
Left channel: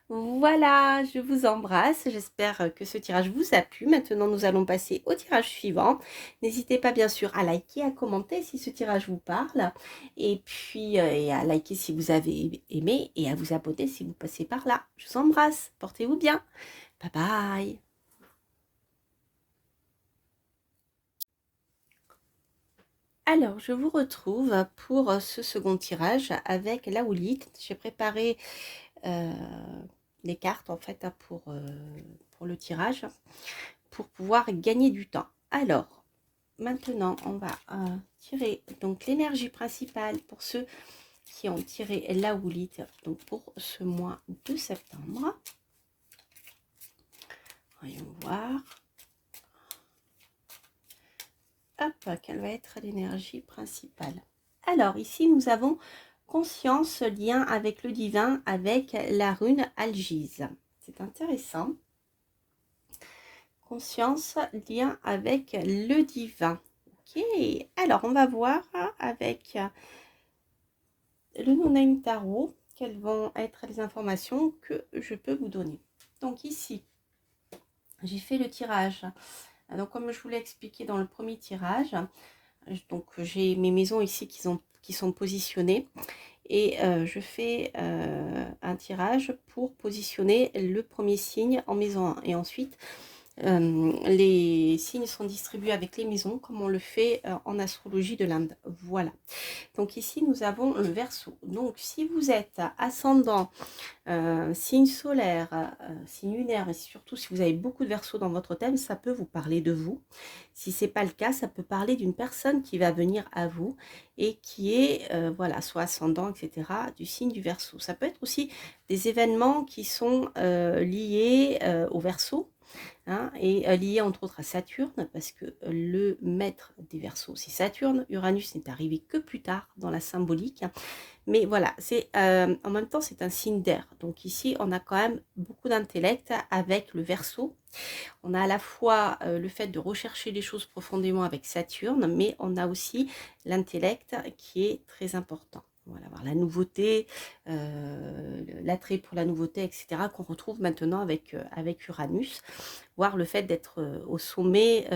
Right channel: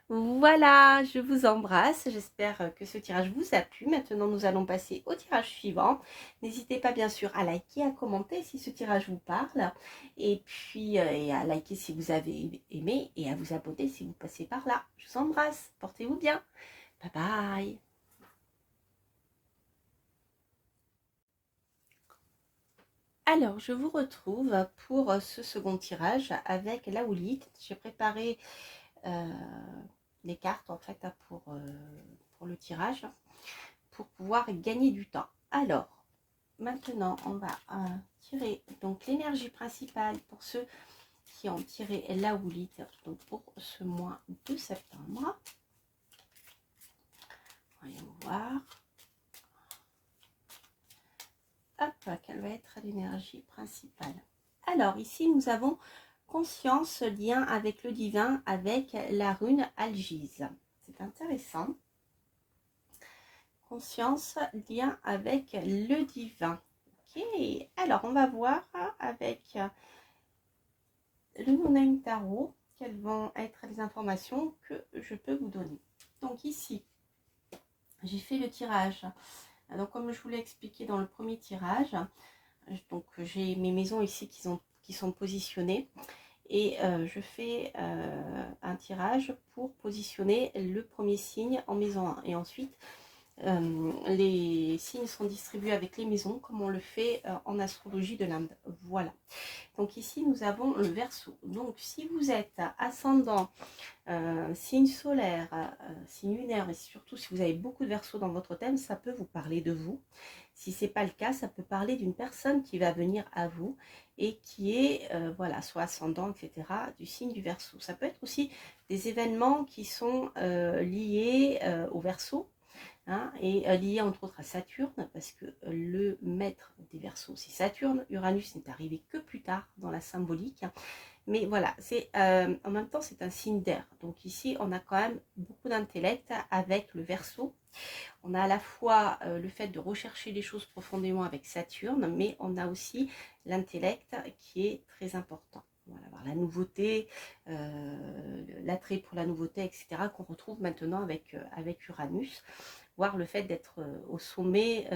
Voilà, je vous embrasse. J'espère que ce tirage vous a plu. Maintenant, nous allons passer au tirage suivant. N'hésitez pas, bien sûr, à liker, à commenter si ce tirage vous parle. Et puis, et à liker si vous avez aimé et à vous abonner si vous passez par là. Je vous embrasse. Portez-vous bien. Bye bye. Alors, je vous retrouve pour ce second tirage avec la houlite. J'ai préparé les cartes en fait pour le tirage pour pouvoir gagner du temps. Alors, maintenant, on va tirer donc l'énergie principale pour ceux qui ont tiré la houlite donc pour ce mois de septembre. Voyons voir. Hop, quelle va être l'énergie principale? Alors, ici, nous avons conscience, lien avec le divin, avec la rune Algise. C'est intéressant. Conscience, lien avec le divin. Ok, alors on va voir avec le No-Name Tarot quelles vont être les informations que je peux vous donner. Donc ici, j'ai fait le tirage. Donc comme je vous l'ai expliqué dans le premier tirage, donc j'ai mes maisons ici qui sont positionnées et je fais un tirage pour positionner le premier signe en maison 1 et ensuite les signes sont distribués avec les maisons comme on le fait en astrologie de l'Inde. Voilà. Donc ici nous avons le Verseau. Donc si vous êtes ascendant, signe solaire, signe lunaire et surtout si vous avez beaucoup de Verseau dans votre thème, ça peut vous parler de vous. Si c'est pas le cas, ça peut parler d'une personne qui va venir à vous et qui est voilà, soit ascendant, etc., du signe du Verseau. Ça peut être aussi des événements qui sont liés au Verseau. Hein, et lié entre autres à Saturne, parce que le maître des Verseaux, c'est Saturne. Uranus n'est arrivé que plus tard dans la symbolique. Mais voilà, c'est en même temps, c'est un signe d'air. Donc ici, on a quand même beaucoup d'intellect avec le Verseau. On a à la fois le fait de rechercher les choses profondément avec Saturne, mais on a aussi l'intellect qui est très important. Voilà, avoir la nouveauté, l'attrait pour la nouveauté, etc., qu'on retrouve maintenant avec Uranus, voire le fait d'être au sommet,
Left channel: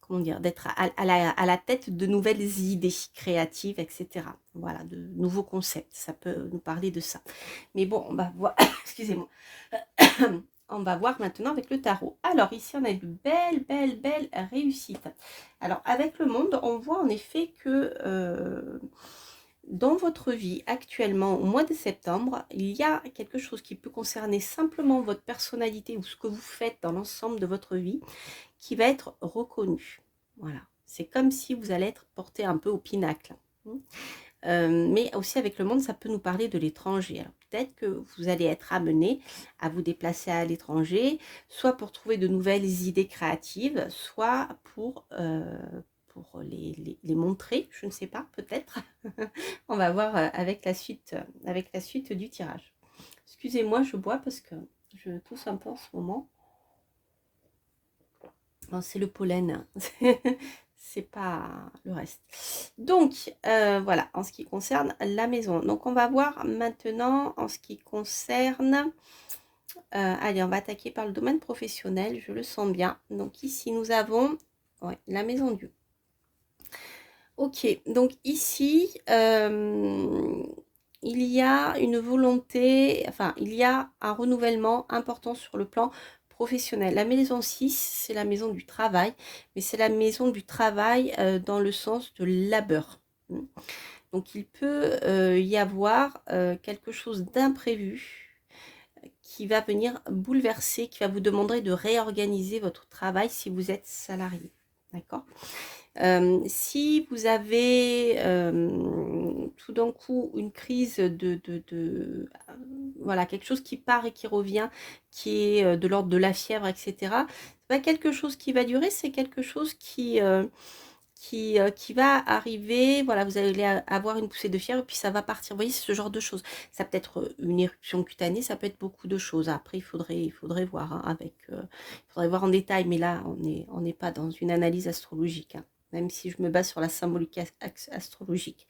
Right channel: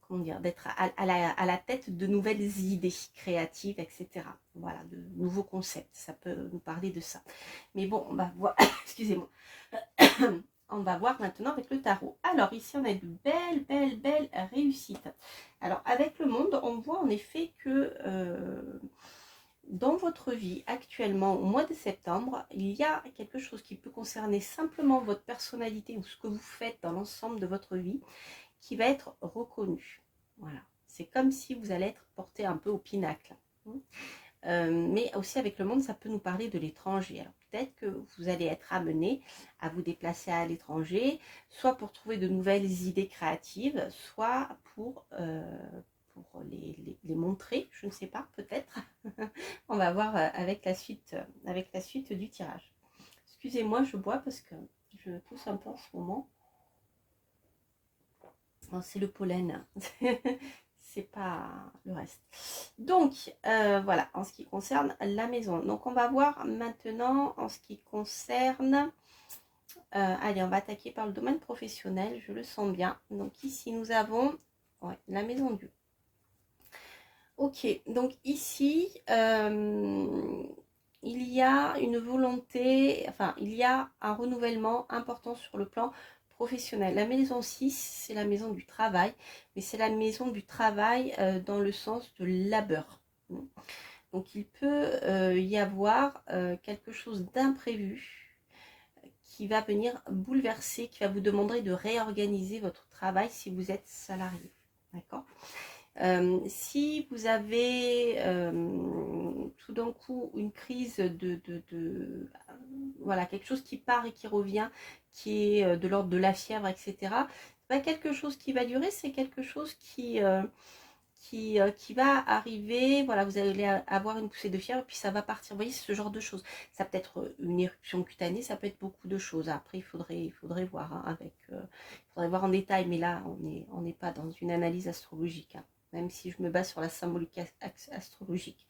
comment dire, d'être à la tête de nouvelles idées créatives, etc. Voilà, de nouveaux concepts, ça peut nous parler de ça. Mais bon, on va voir, excusez-moi, on va voir maintenant avec le tarot. Alors ici, on a de belles réussites. Alors avec le monde, on voit en effet que dans votre vie actuellement, au mois de septembre, il y a quelque chose qui peut concerner simplement votre personnalité ou ce que vous faites dans l'ensemble de votre vie qui va être reconnu. Voilà, c'est comme si vous allez être porté un peu au pinacle. Mais aussi avec le monde, ça peut nous parler de l'étranger. Alors peut-être que vous allez être amené à vous déplacer à l'étranger, soit pour trouver de nouvelles idées créatives, soit pour les montrer, je ne sais pas, peut-être. On va voir avec la suite du tirage. Excusez-moi, je bois parce que je tousse un peu en ce moment. C'est le pollen, c'est pas le reste. Donc, voilà, en ce qui concerne la maison. Donc, on va voir maintenant en ce qui concerne Allez, on va attaquer par le domaine professionnel, je le sens bien. Donc ici, nous avons ouais, la maison Dieu. Ok, donc ici, il y a une volonté, enfin, il y a un renouvellement important sur le plan professionnel. La maison 6, c'est la maison du travail, mais c'est la maison du travail dans le sens de labeur. Donc, il peut y avoir quelque chose d'imprévu qui va venir bouleverser, qui va vous demander de réorganiser votre travail si vous êtes salarié. D'accord ? Si vous avez tout d'un coup une crise voilà, quelque chose qui part et qui revient, qui est de l'ordre de la fièvre, etc., c'est pas quelque chose qui va durer, c'est quelque chose qui va arriver, voilà, vous allez avoir une poussée de fièvre, puis ça va partir. Vous voyez, c'est ce genre de choses. Ça peut être une éruption cutanée, ça peut être beaucoup de choses. Après, il faudrait voir hein, il faudrait voir en détail, mais là, on n'est pas dans une analyse astrologique, hein, même si je me base sur la symbolique astrologique.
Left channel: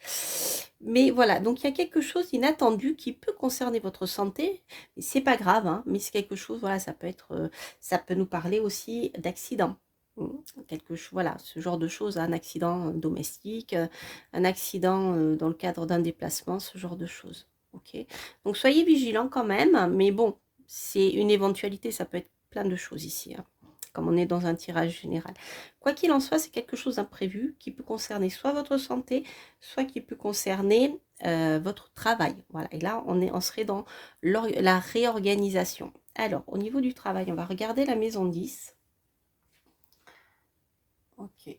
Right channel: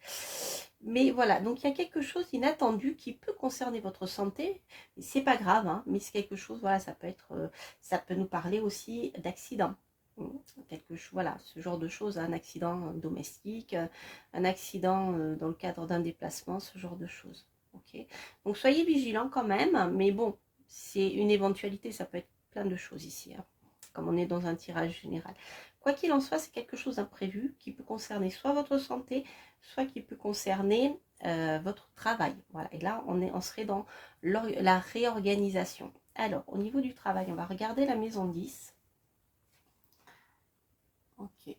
Mais voilà, donc il y a quelque chose d'inattendu qui peut concerner votre santé. C'est pas grave, hein, mais c'est quelque chose, voilà, ça peut nous parler aussi d'accident. Quelque chose, voilà, ce genre de choses, un accident domestique, un accident dans le cadre d'un déplacement, ce genre de choses. Ok, donc soyez vigilants quand même, mais bon, c'est une éventualité, ça peut être plein de choses ici, hein, comme on est dans un tirage général. Quoi qu'il en soit, c'est quelque chose d'imprévu qui peut concerner soit votre santé, soit qui peut concerner votre travail. Voilà, et là, on serait dans la réorganisation. Alors, au niveau du travail, on va regarder la maison 10. Ok.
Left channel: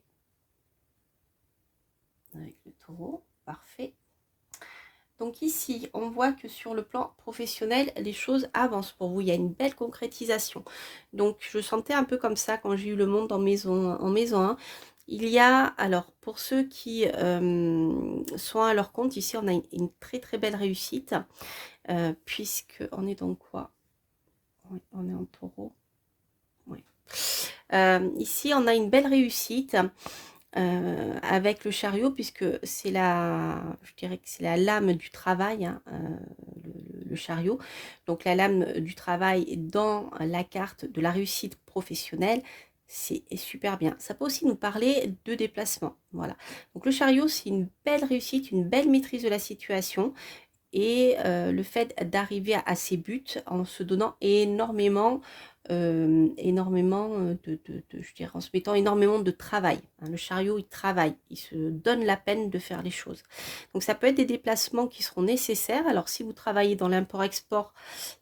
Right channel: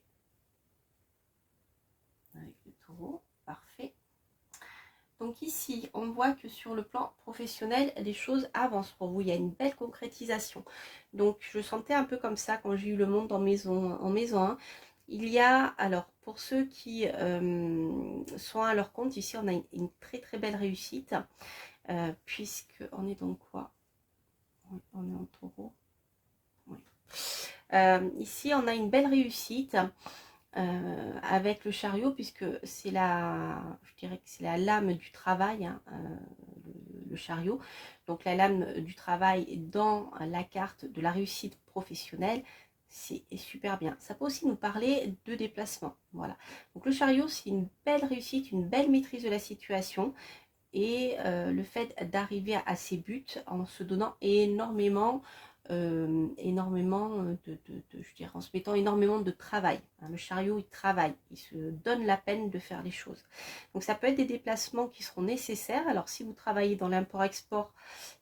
Avec le taureau, parfait. Donc ici, on voit que sur le plan professionnel, les choses avancent pour vous. Il y a une belle concrétisation. Donc je sentais un peu comme ça quand j'ai eu le monde en maison 1. Il y a, alors pour ceux qui sont à leur compte, ici on a une très très belle réussite. Puisque on est dans quoi? Oui, on est en taureau. Oui. Ici on a une belle réussite. Avec le chariot, puisque c'est je dirais que c'est la lame du travail, hein, le chariot. Donc la lame du travail dans la carte de la réussite professionnelle, c'est super bien. Ça peut aussi nous parler de déplacement. Voilà. Donc le chariot, c'est une belle réussite, une belle maîtrise de la situation. Et le fait d'arriver à ses buts en se donnant énormément, je dirais, en se mettant énormément de travail. Hein. Le chariot, il travaille, il se donne la peine de faire les choses. Donc ça peut être des déplacements qui seront nécessaires. Alors si vous travaillez dans l'import-export,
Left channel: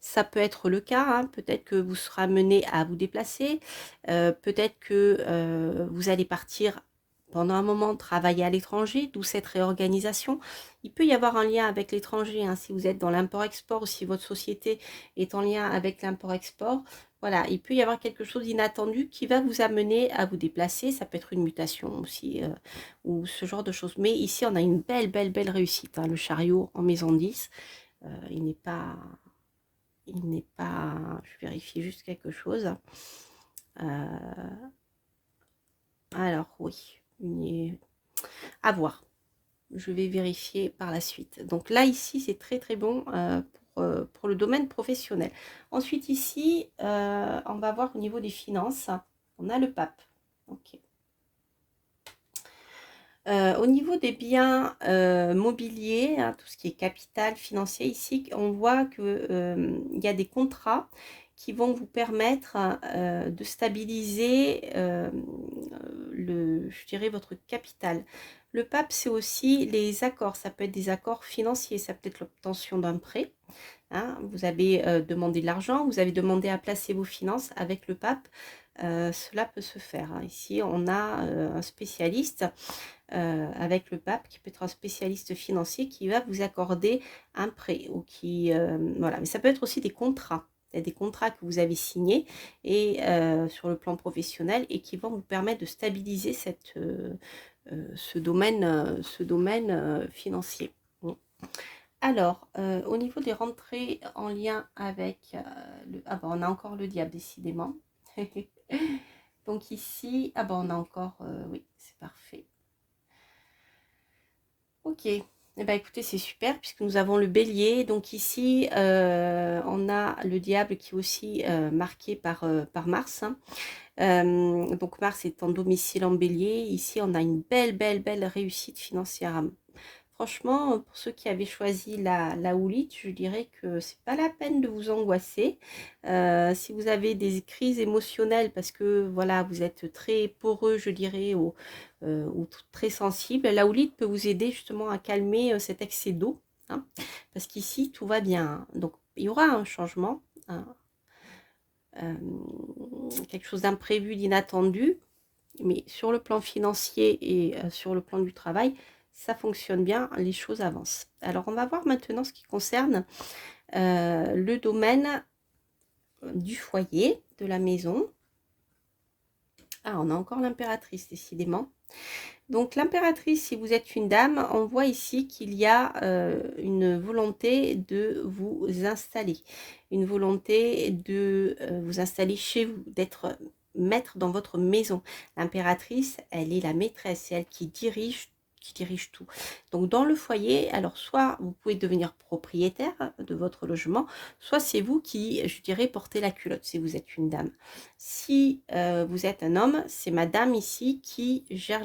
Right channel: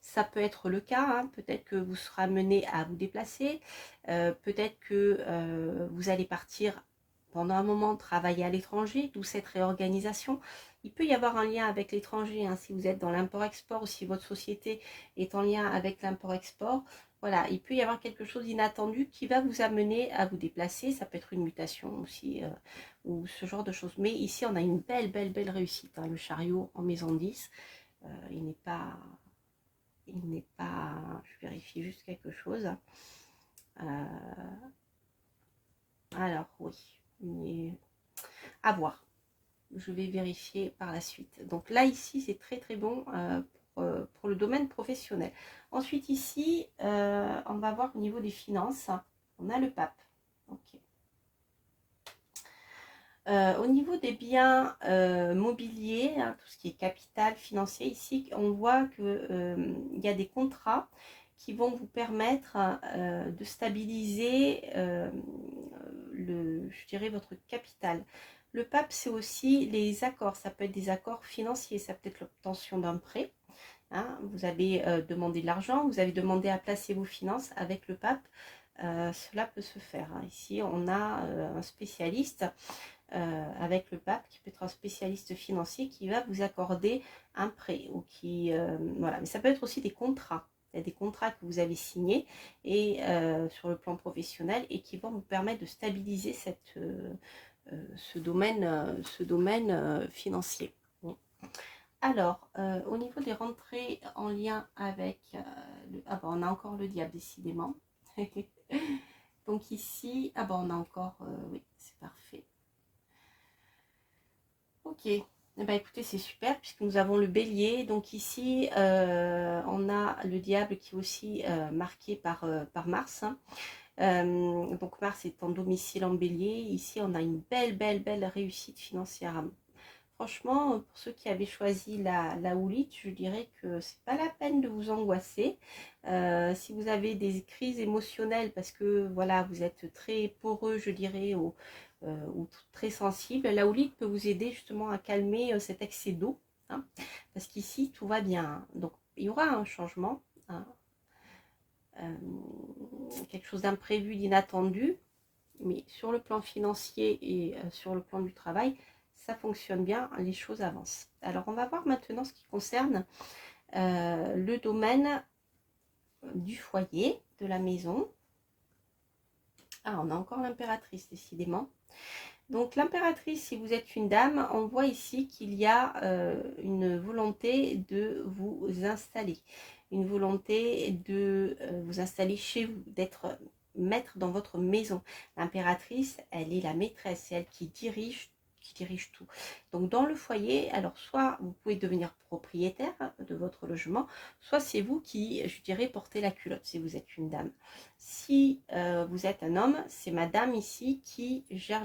ça peut être le cas. Hein. Peut-être que vous serez amené à vous déplacer. Peut-être que vous allez partir pendant un moment travailler à l'étranger, d'où cette réorganisation. Il peut y avoir un lien avec l'étranger, hein, si vous êtes dans l'import-export ou si votre société est en lien avec l'import-export. Voilà, il peut y avoir quelque chose d'inattendu qui va vous amener à vous déplacer. Ça peut être une mutation aussi, ou ce genre de choses. Mais ici, on a une belle, belle, belle réussite. Hein, le chariot en maison 10, il n'est pas... Je vérifie juste quelque chose. Alors, oui, à voir. Je vais vérifier par la suite. Donc là, ici, c'est très très bon pour le domaine professionnel. Ensuite, ici, on va voir au niveau des finances. On a le pape. Ok. Au niveau des biens mobiliers, hein, tout ce qui est capital financier, ici, on voit qu'il y a des contrats qui vont vous permettre de stabiliser je dirais, votre capital. Le pape, c'est aussi les accords. Ça peut être des accords financiers, ça peut être l'obtention d'un prêt. Hein. Vous avez demandé de l'argent, vous avez demandé à placer vos finances avec le pape. Cela peut se faire. Hein. Ici, on a un spécialiste avec le pape qui peut être un spécialiste financier qui va vous accorder un prêt. Ou voilà. Mais ça peut être aussi des contrats. Il y a des contrats que vous avez signés et, sur le plan professionnel et qui vont vous permettre de stabiliser ce domaine financier. Bon. Alors, au niveau des rentrées en lien avec... ah ben, on a encore le diable, décidément. Donc ici, ah ben, on a encore... oui, c'est parfait. Ok, Eh ben, écoutez, c'est super puisque nous avons le bélier. Donc ici, on a le diable qui est aussi marqué par Mars, hein. Donc Mars est en domicile en bélier. Ici, on a une belle réussite financière. Franchement, pour ceux qui avaient choisi la houlite, je dirais que c'est pas la peine de vous angoisser. Si vous avez des crises émotionnelles parce que voilà, vous êtes très poreux, je dirais, ou très sensible, la houlite peut vous aider justement à calmer cet excès d'eau, hein, parce qu'ici tout va bien, hein. Donc il y aura un changement, hein, quelque chose d'imprévu, d'inattendu, mais sur le plan financier et sur le plan du travail, ça fonctionne bien, les choses avancent. Alors, on va voir maintenant ce qui concerne le domaine du foyer, de la maison. Ah, on a encore l'impératrice, décidément. Donc, l'impératrice, si vous êtes une dame, on voit ici qu'il y a une volonté de vous installer. Une volonté de vous installer chez vous, d'être maître dans votre maison. L'impératrice, elle est la maîtresse, c'est elle qui dirige tout. Donc, dans le foyer, alors soit vous pouvez devenir propriétaire de votre logement, soit c'est vous qui, je dirais, portez la culotte si vous êtes une dame. Si vous êtes un homme, c'est madame ici qui gère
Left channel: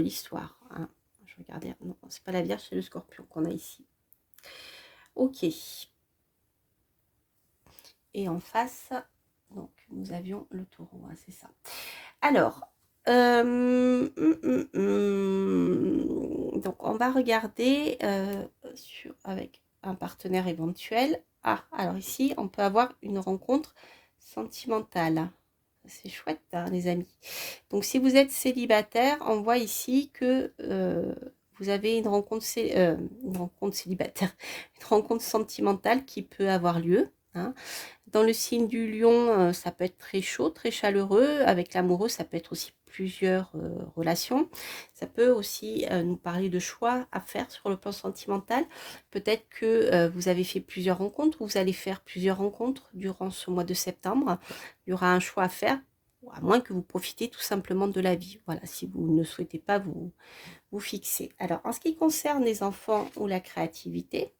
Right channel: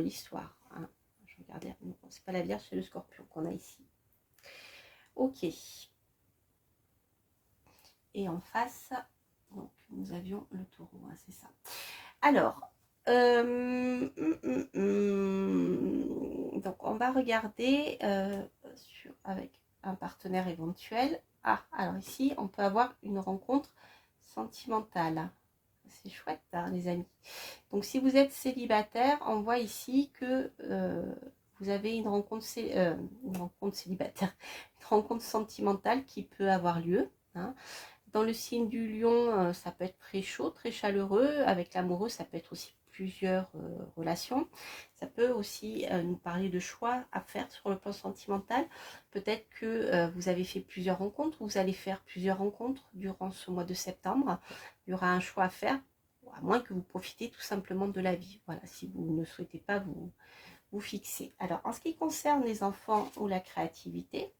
l'histoire, hein. Je regardais, non, c'est pas la Vierge, c'est le Scorpion qu'on a ici. Ok. Et en face, donc nous avions le Taureau, hein, c'est ça. Alors, donc on va regarder avec un partenaire éventuel. Ah, alors ici, on peut avoir une rencontre sentimentale. C'est chouette, hein, les amis. Donc, si vous êtes célibataire, on voit ici que vous avez une rencontre célibataire, une rencontre sentimentale qui peut avoir lieu, hein. Dans le signe du lion, ça peut être très chaud, très chaleureux. Avec l'amoureux, ça peut être aussi plusieurs relations. Ça peut aussi nous parler de choix à faire sur le plan sentimental. Peut-être que vous avez fait plusieurs rencontres ou vous allez faire plusieurs rencontres durant ce mois de septembre. Il y aura un choix à faire, à moins que vous profitez tout simplement de la vie. Voilà, si vous ne souhaitez pas vous fixer. Alors, en ce qui concerne les enfants ou la créativité,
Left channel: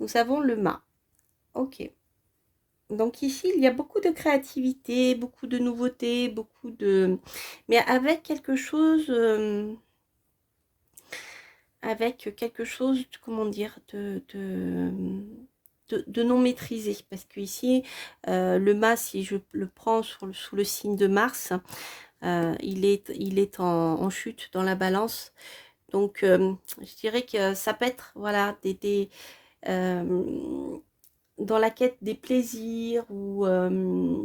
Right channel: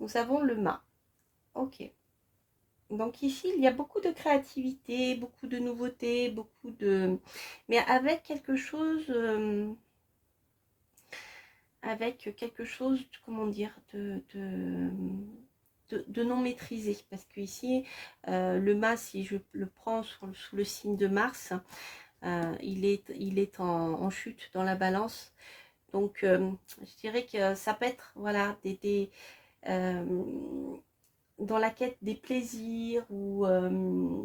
nous avons le mât. Ok. Donc ici, il y a beaucoup de créativité, beaucoup de nouveautés, mais avec quelque chose, comment dire, de non maîtrisé. Parce que ici, le mât, si je le prends sous le signe de Mars, il est en chute dans la balance. Donc, je dirais que ça peut être, voilà, dans la quête des plaisirs ou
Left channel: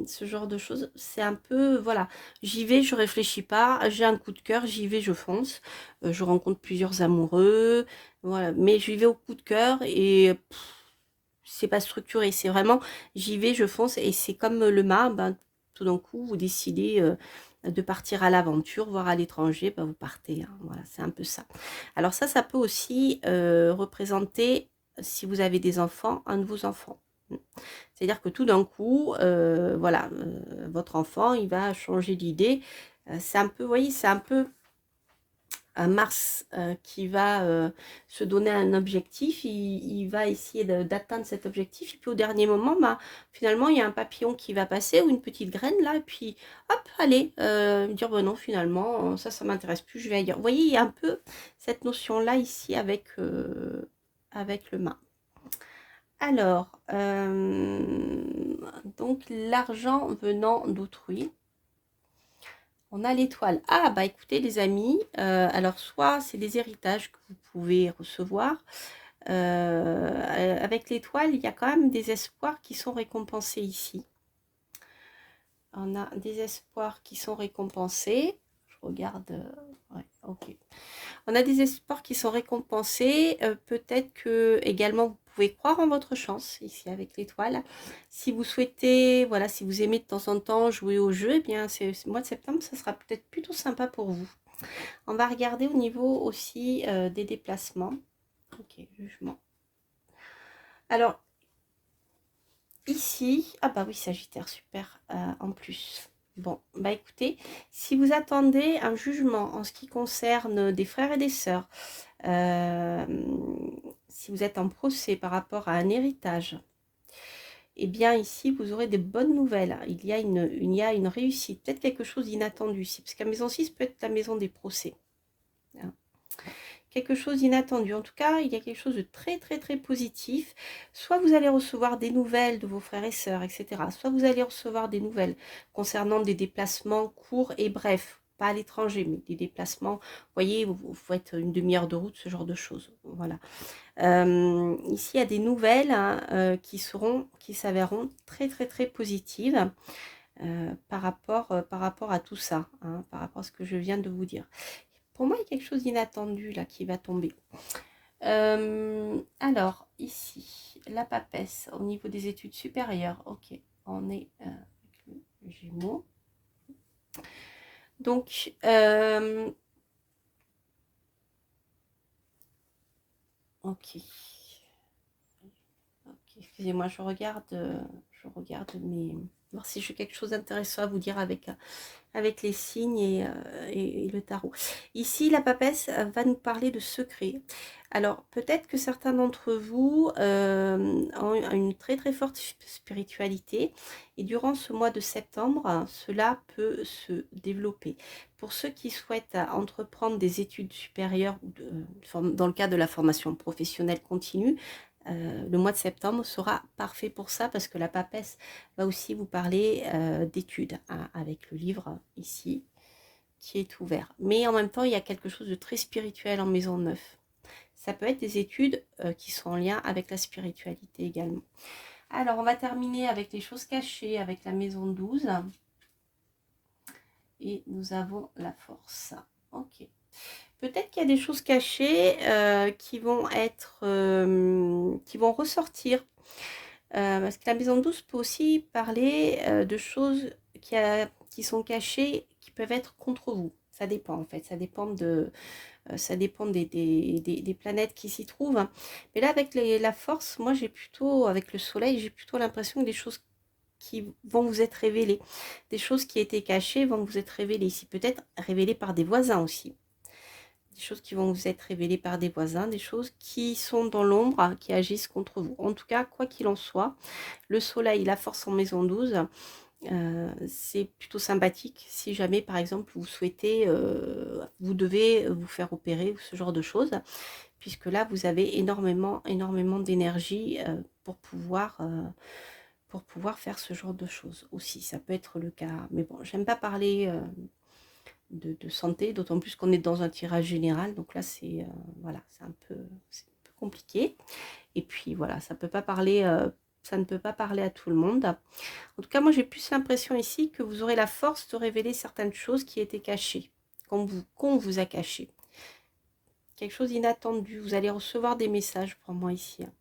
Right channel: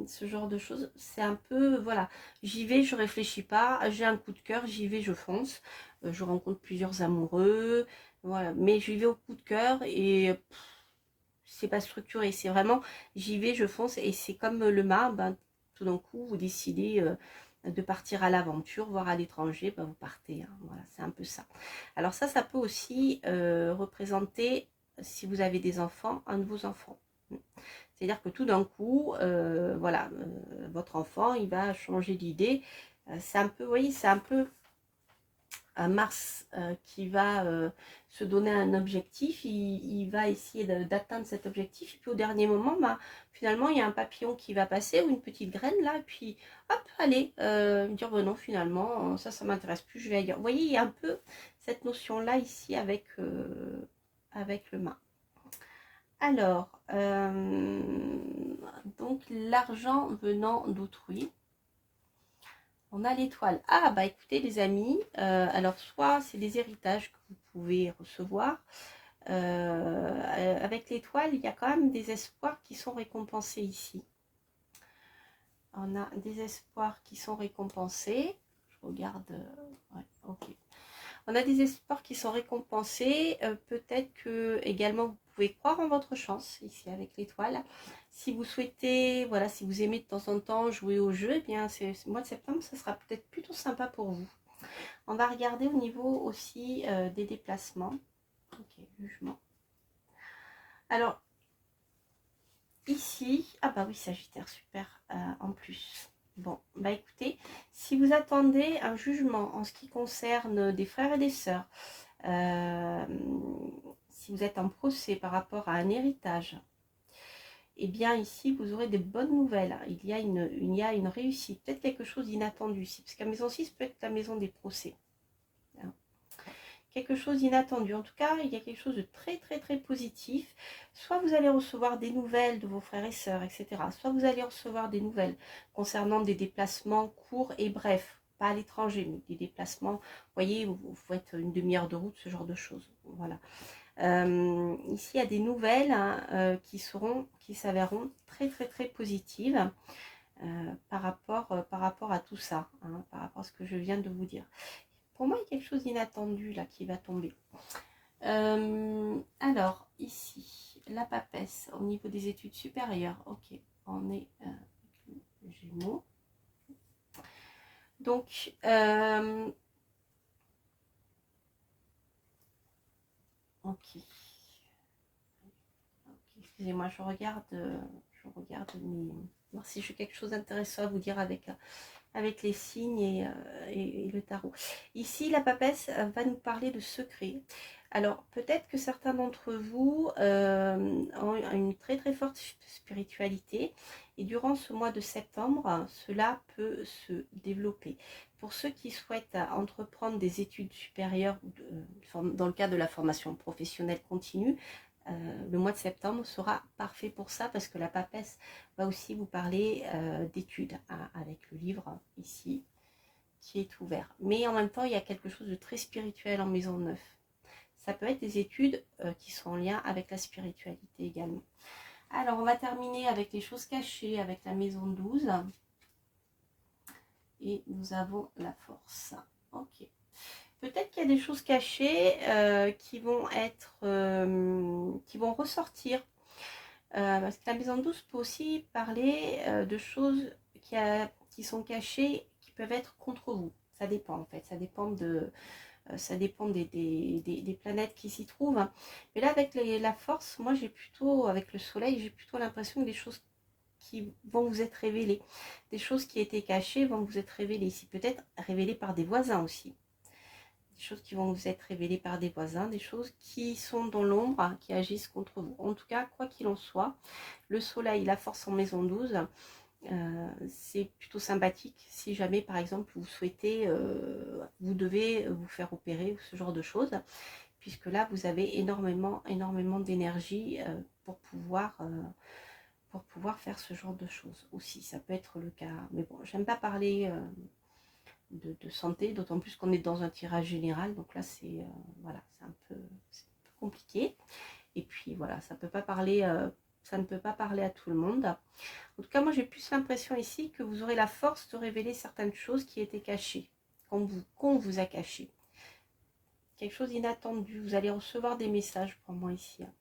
ce genre de choses. C'est un peu, voilà, j'y vais, je réfléchis pas, j'ai un coup de cœur, j'y vais, je fonce. Je rencontre plusieurs amoureux, voilà, mais j'y vais au coup de cœur et c'est pas structuré, c'est vraiment, j'y vais, je fonce et c'est comme le mât, ben, tout d'un coup, vous décidez de partir à l'aventure, voire à l'étranger, ben, vous partez, hein, voilà, c'est un peu ça. Alors ça peut aussi représenter, si vous avez des enfants, un de vos enfants. C'est-à-dire que tout d'un coup, voilà, votre enfant, il va changer d'idée. C'est un peu, vous voyez, c'est un peu un Mars qui va se donner un objectif. Il va essayer d'atteindre cet objectif. Et puis au dernier moment, bah, finalement, il y a un papillon qui va passer ou une petite graine là. Et puis, hop, allez, dire, bon non, finalement, ça m'intéresse plus, je vais ailleurs. Vous voyez, il y a un peu cette notion-là ici avec le mât. Alors, donc l'argent venant d'autrui. On a l'étoile. Ah, bah écoutez les amis, alors soit c'est des héritages que vous pouvez recevoir. Avec l'étoile, il y a quand même des espoirs qui sont récompensés ici. On a des espoirs qui sont récompensés. Je regarde. Ouais, ok. On a des espoirs qui sont récompensés. Peut-être que également vous pouvez croire en votre chance ici avec l'étoile. Si vous souhaitez, voilà, si vous aimez de temps en temps jouer au jeu, eh bien ce mois de septembre, ça sera peut-être plutôt sympa pour vous. On va regarder au niveau aussi des déplacements. Ok, jugement. Alors ici, ah bah oui, Sagittaire, super en plus. Bon, bah écoutez, si vous attendez un jugement en ce qui concerne des frères et des sœurs, si vous êtes en procès par rapport à un héritage, eh bien ici vous aurez des bonnes nouvelles. Il y a une réussite, peut-être quelque chose d'inattendu ici, parce que la maison 6 peut être la maison des procès. Hein. Quelque chose d'inattendu. En tout cas, il y a quelque chose de très très très positif. Soit vous allez recevoir des nouvelles de vos frères et sœurs, etc. Soit vous allez recevoir des nouvelles concernant des déplacements courts et brefs. Pas à l'étranger, mais des déplacements, vous voyez, vous faites une demi-heure de route, ce genre de choses. Voilà. Ici, il y a des nouvelles hein, qui s'avéreront très très très positives par rapport à tout ça, hein, par rapport à ce que je viens de vous dire. Pour moi, il y a quelque chose d'inattendu là qui va tomber. Alors, ici, la papesse au niveau des études supérieures. Ok, on est avec le Gémeaux. Donc, ok. Excusez-moi, je regarde voir si j'ai quelque chose d'intéressant à vous dire avec les signes et le tarot. Ici, la papesse va nous parler de secrets. Alors, peut-être que certains d'entre vous ont une très très forte spiritualité et durant ce mois de septembre, cela peut se développer. Pour ceux qui souhaitent entreprendre des études supérieures dans le cadre de la formation professionnelle continue, le mois de septembre sera parfait pour ça parce que la papesse va aussi vous parler d'études hein, avec le livre ici qui est ouvert. Mais en même temps, il y a quelque chose de très spirituel en maison 9. Ça peut être des études qui sont en lien avec la spiritualité également. Alors, on va terminer avec les choses cachées avec la maison 12. Et nous avons la force. Ok. Peut-être qu'il y a des choses cachées qui vont ressortir. Parce que la maison 12 peut aussi parler de choses qui sont cachées, qui peuvent être contre vous. Ça dépend en fait, ça dépend des planètes qui s'y trouvent. Hein. Mais là, avec la force, moi j'ai plutôt, avec le soleil, j'ai plutôt l'impression que des choses qui vont vous être révélées. Des choses qui étaient cachées vont vous être révélées ici. Peut-être révélées par des voisins aussi. Des choses qui vont vous être révélées par des voisins, des choses qui sont dans l'ombre, qui agissent contre vous. En tout cas, quoi qu'il en soit, le soleil, la force en maison 12, c'est plutôt sympathique si jamais, par exemple, vous souhaitez, vous devez vous faire opérer ou ce genre de choses, puisque là, vous avez énormément d'énergie pour pouvoir faire ce genre de choses aussi. Ça peut être le cas. Mais bon, j'aime pas parler de santé, d'autant plus qu'on est dans un tirage général. Donc là, c'est voilà, c'est un peu compliqué. Et puis voilà, ça ne peut pas parler à tout le monde. En tout cas, moi, j'ai plus l'impression ici que vous aurez la force de révéler certaines choses qui étaient cachées, qu'on vous a cachées. Quelque chose d'inattendu. Vous allez recevoir des messages pour moi ici. Hein.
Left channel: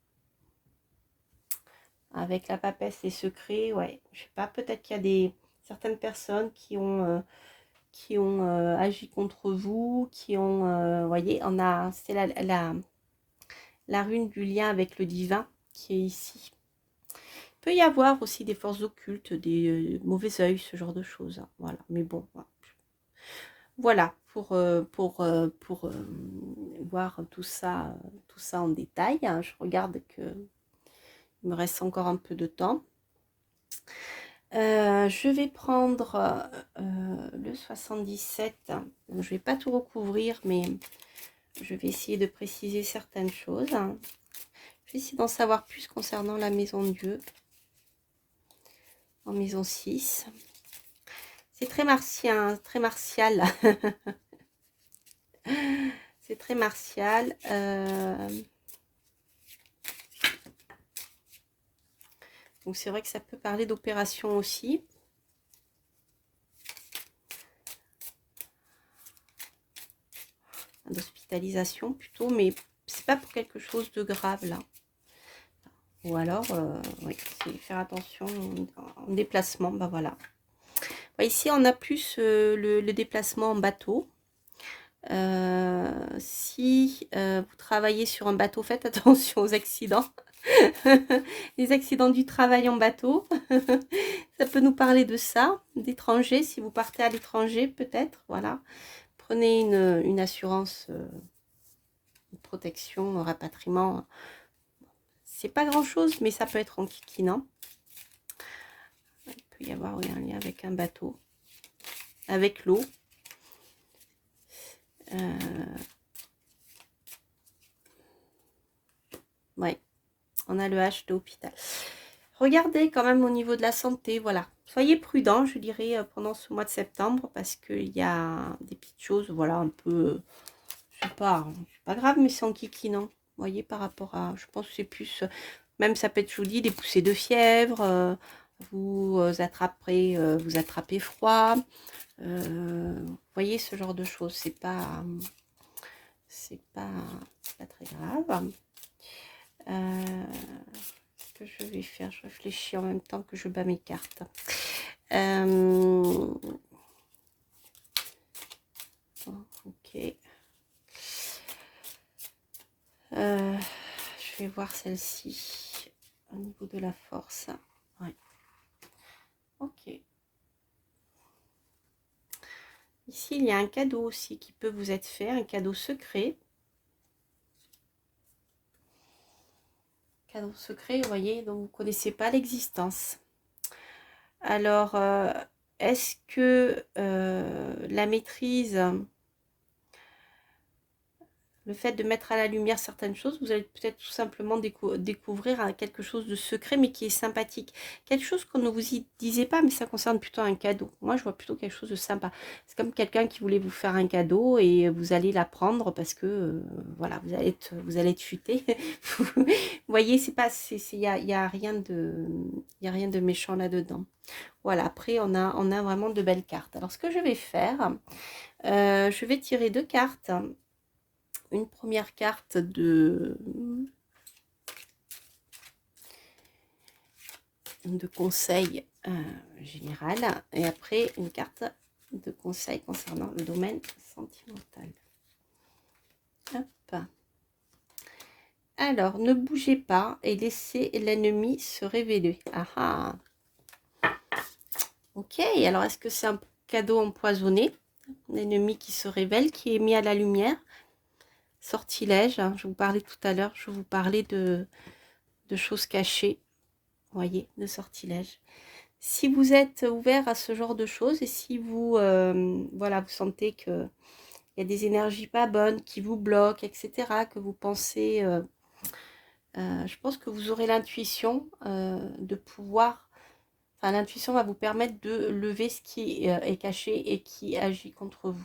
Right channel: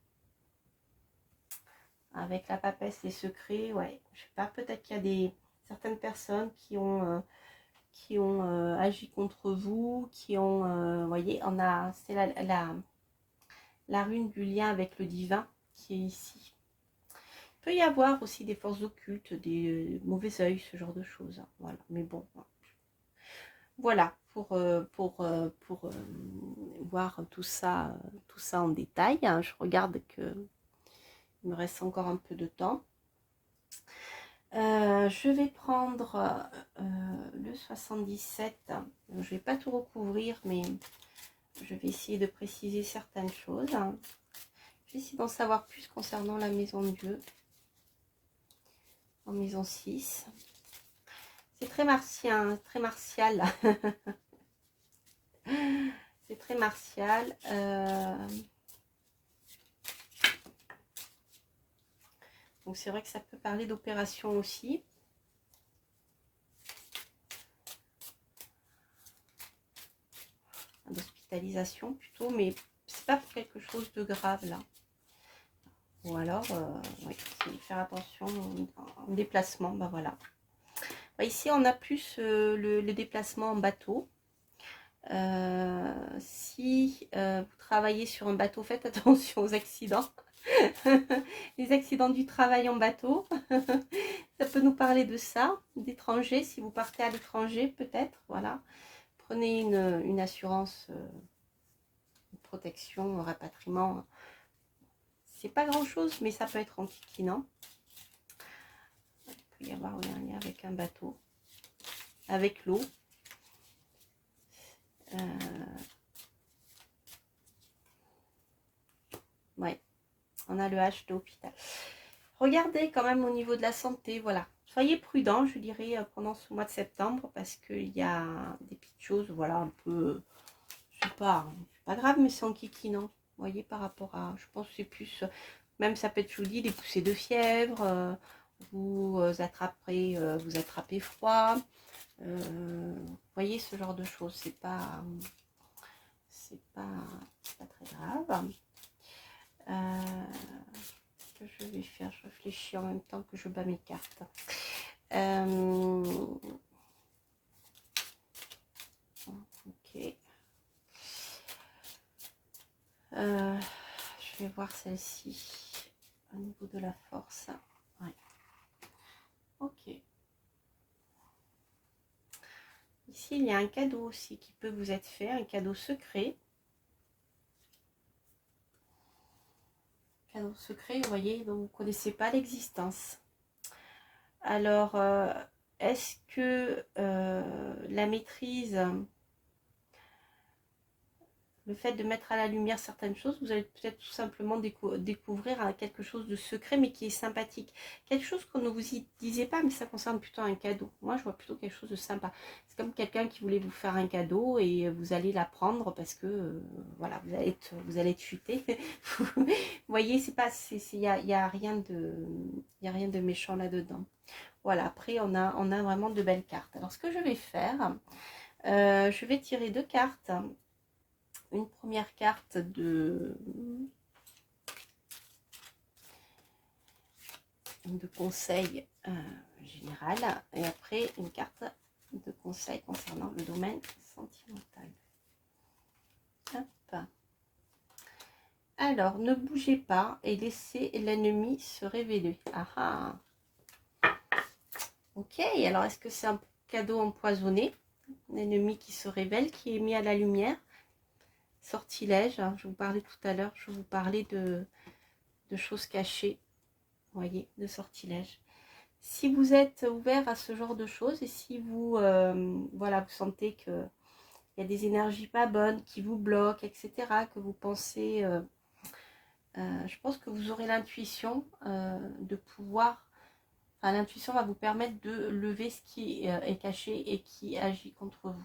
Avec la papesse, les secrets, ouais. Je sais pas, peut-être qu'il y a certaines personnes qui ont agi contre vous, qui ont, voyez, c'est la rune du lien avec le divin qui est ici. Il peut y avoir aussi des forces occultes, des mauvais œils, ce genre de choses. Hein. Voilà, mais bon, voilà pour voir tout ça en détail. Hein. Je regarde que il me reste encore un peu de temps. Je vais prendre le 77. Je ne vais pas tout recouvrir, mais je vais essayer de préciser certaines choses. Je vais essayer d'en savoir plus concernant la maison de Dieu. En maison 6. C'est très martien, très martial. C'est très martial. Donc c'est vrai que ça peut parler d'opération aussi. D'hospitalisation plutôt, mais c'est pas pour quelque chose de grave là. Ou alors, oui, c'est faire attention en déplacement, ben voilà. Ici, on a plus le déplacement en bateau. Si vous travaillez sur un bateau, faites attention aux accidents. Les accidents du travail en bateau. Ça peut nous parler de ça, d'étrangers, si vous partez à l'étranger peut-être, voilà. Prenez une assurance, une protection, un rapatriement. C'est pas grand-chose, mais ça peut être enquiquinant. Il peut y avoir un lien avec un bateau, avec l'eau. Ouais, on a le H de l'hôpital. Regardez quand même au niveau de la santé, voilà. Soyez prudents, je dirais, pendant ce mois de septembre, parce qu'il y a des petites choses, voilà, un peu, c'est pas grave, mais c'est enquiquinant. Vous voyez, par rapport à, je pense que c'est plus, même ça peut être, je vous dis, des poussées de fièvre, vous attrapez froid, vous voyez, ce genre de choses, c'est pas très grave. Ce que je vais faire, je réfléchis en même temps que je bats mes cartes. Ok. Je vais voir celle-ci au niveau de la force. Ouais. Ok. Ici, il y a un cadeau aussi qui peut vous être fait, un cadeau secret. Cadeau secret, vous voyez, dont vous ne connaissez pas l'existence. Alors, est-ce que la maîtrise, le fait de mettre à la lumière certaines choses, vous allez peut-être tout simplement découvrir quelque chose de secret, mais qui est sympathique. Quelque chose qu'on ne vous y disait pas, mais ça concerne plutôt un cadeau. Moi, je vois plutôt quelque chose de sympa. C'est comme quelqu'un qui voulait vous faire un cadeau et vous allez l'apprendre parce que, voilà, vous allez être futé. Vous voyez, c'est pas, y a rien de méchant là-dedans. Voilà, après, on a vraiment de belles cartes. Alors, ce que je vais faire, je vais tirer 2 cartes. Une première carte de conseil général et après une carte de conseil concernant le domaine sentimental. Hop. Alors, ne bougez pas et laissez l'ennemi se révéler. Ah ah. Ok, alors est-ce que c'est un cadeau empoisonné? L'ennemi qui se révèle, qui est mis à la lumière. Sortilège, hein, je vous parlais tout à l'heure, je vous parlais de choses cachées, voyez, de sortilèges. Si vous êtes ouvert à ce genre de choses et si vous, voilà, vous sentez qu'il y a des énergies pas bonnes qui vous bloquent, etc., que vous pensez, je pense que vous aurez l'intuition de pouvoir, enfin l'intuition va vous permettre de lever ce qui est caché et qui agit contre vous.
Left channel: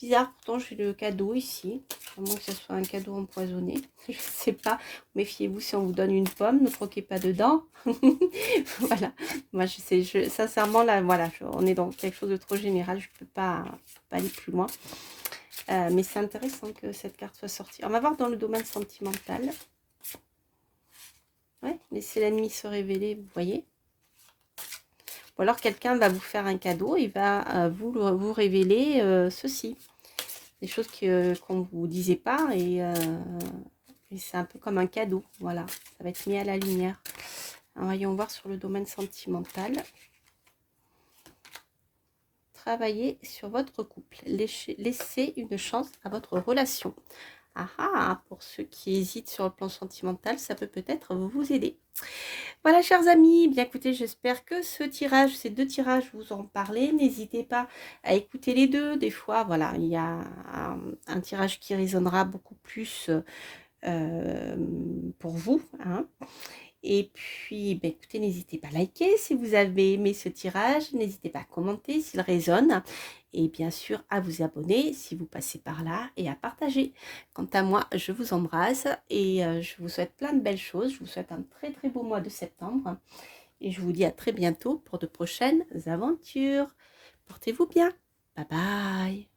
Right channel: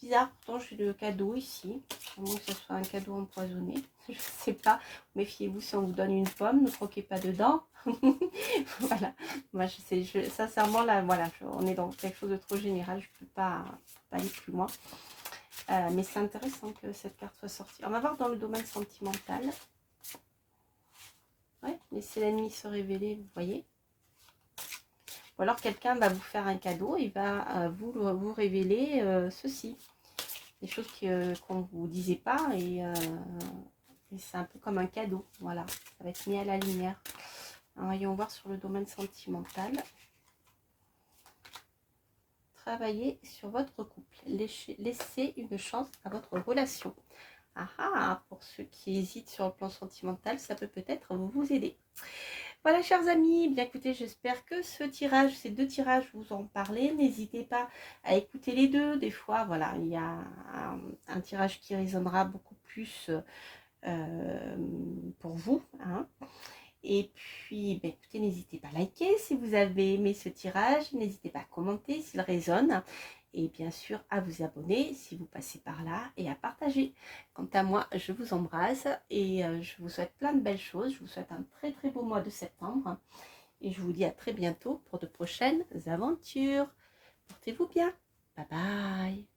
Bizarre, pourtant j'ai le cadeau ici, à moins que ce soit un cadeau empoisonné, je ne sais pas. Méfiez-vous si on vous donne une pomme, ne croquez pas dedans. Voilà, moi je sais, sincèrement là, voilà, on est dans quelque chose de trop général, je ne peux pas aller plus loin. Mais c'est intéressant que cette carte soit sortie. On va voir dans le domaine sentimental. Ouais, laissez l'ennemi se révéler, vous voyez. Ou alors quelqu'un va vous faire un cadeau, il va vous révéler ceci. Des choses qu'on ne vous disait pas et c'est un peu comme un cadeau, voilà, ça va être mis à la lumière. Alors, voyons voir sur le domaine sentimental. Travaillez sur votre couple, laissez une chance à votre relation. Ah ah, pour ceux qui hésitent sur le plan sentimental, ça peut peut-être vous aider. Voilà, chers amis, bien écoutez, j'espère que ces 2 tirages vous ont parlé. N'hésitez pas à écouter les 2. Des fois, voilà, il y a un tirage qui résonnera beaucoup plus pour vous, hein. Et puis, ben, écoutez, n'hésitez pas à liker si vous avez aimé ce tirage. N'hésitez pas à commenter s'il résonne. Et bien sûr, à vous abonner si vous passez par là et à partager. Quant à moi, je vous embrasse et je vous souhaite plein de belles choses. Je vous souhaite un très très beau mois de septembre. Et je vous dis à très bientôt pour de prochaines aventures. Portez-vous bien. Bye bye.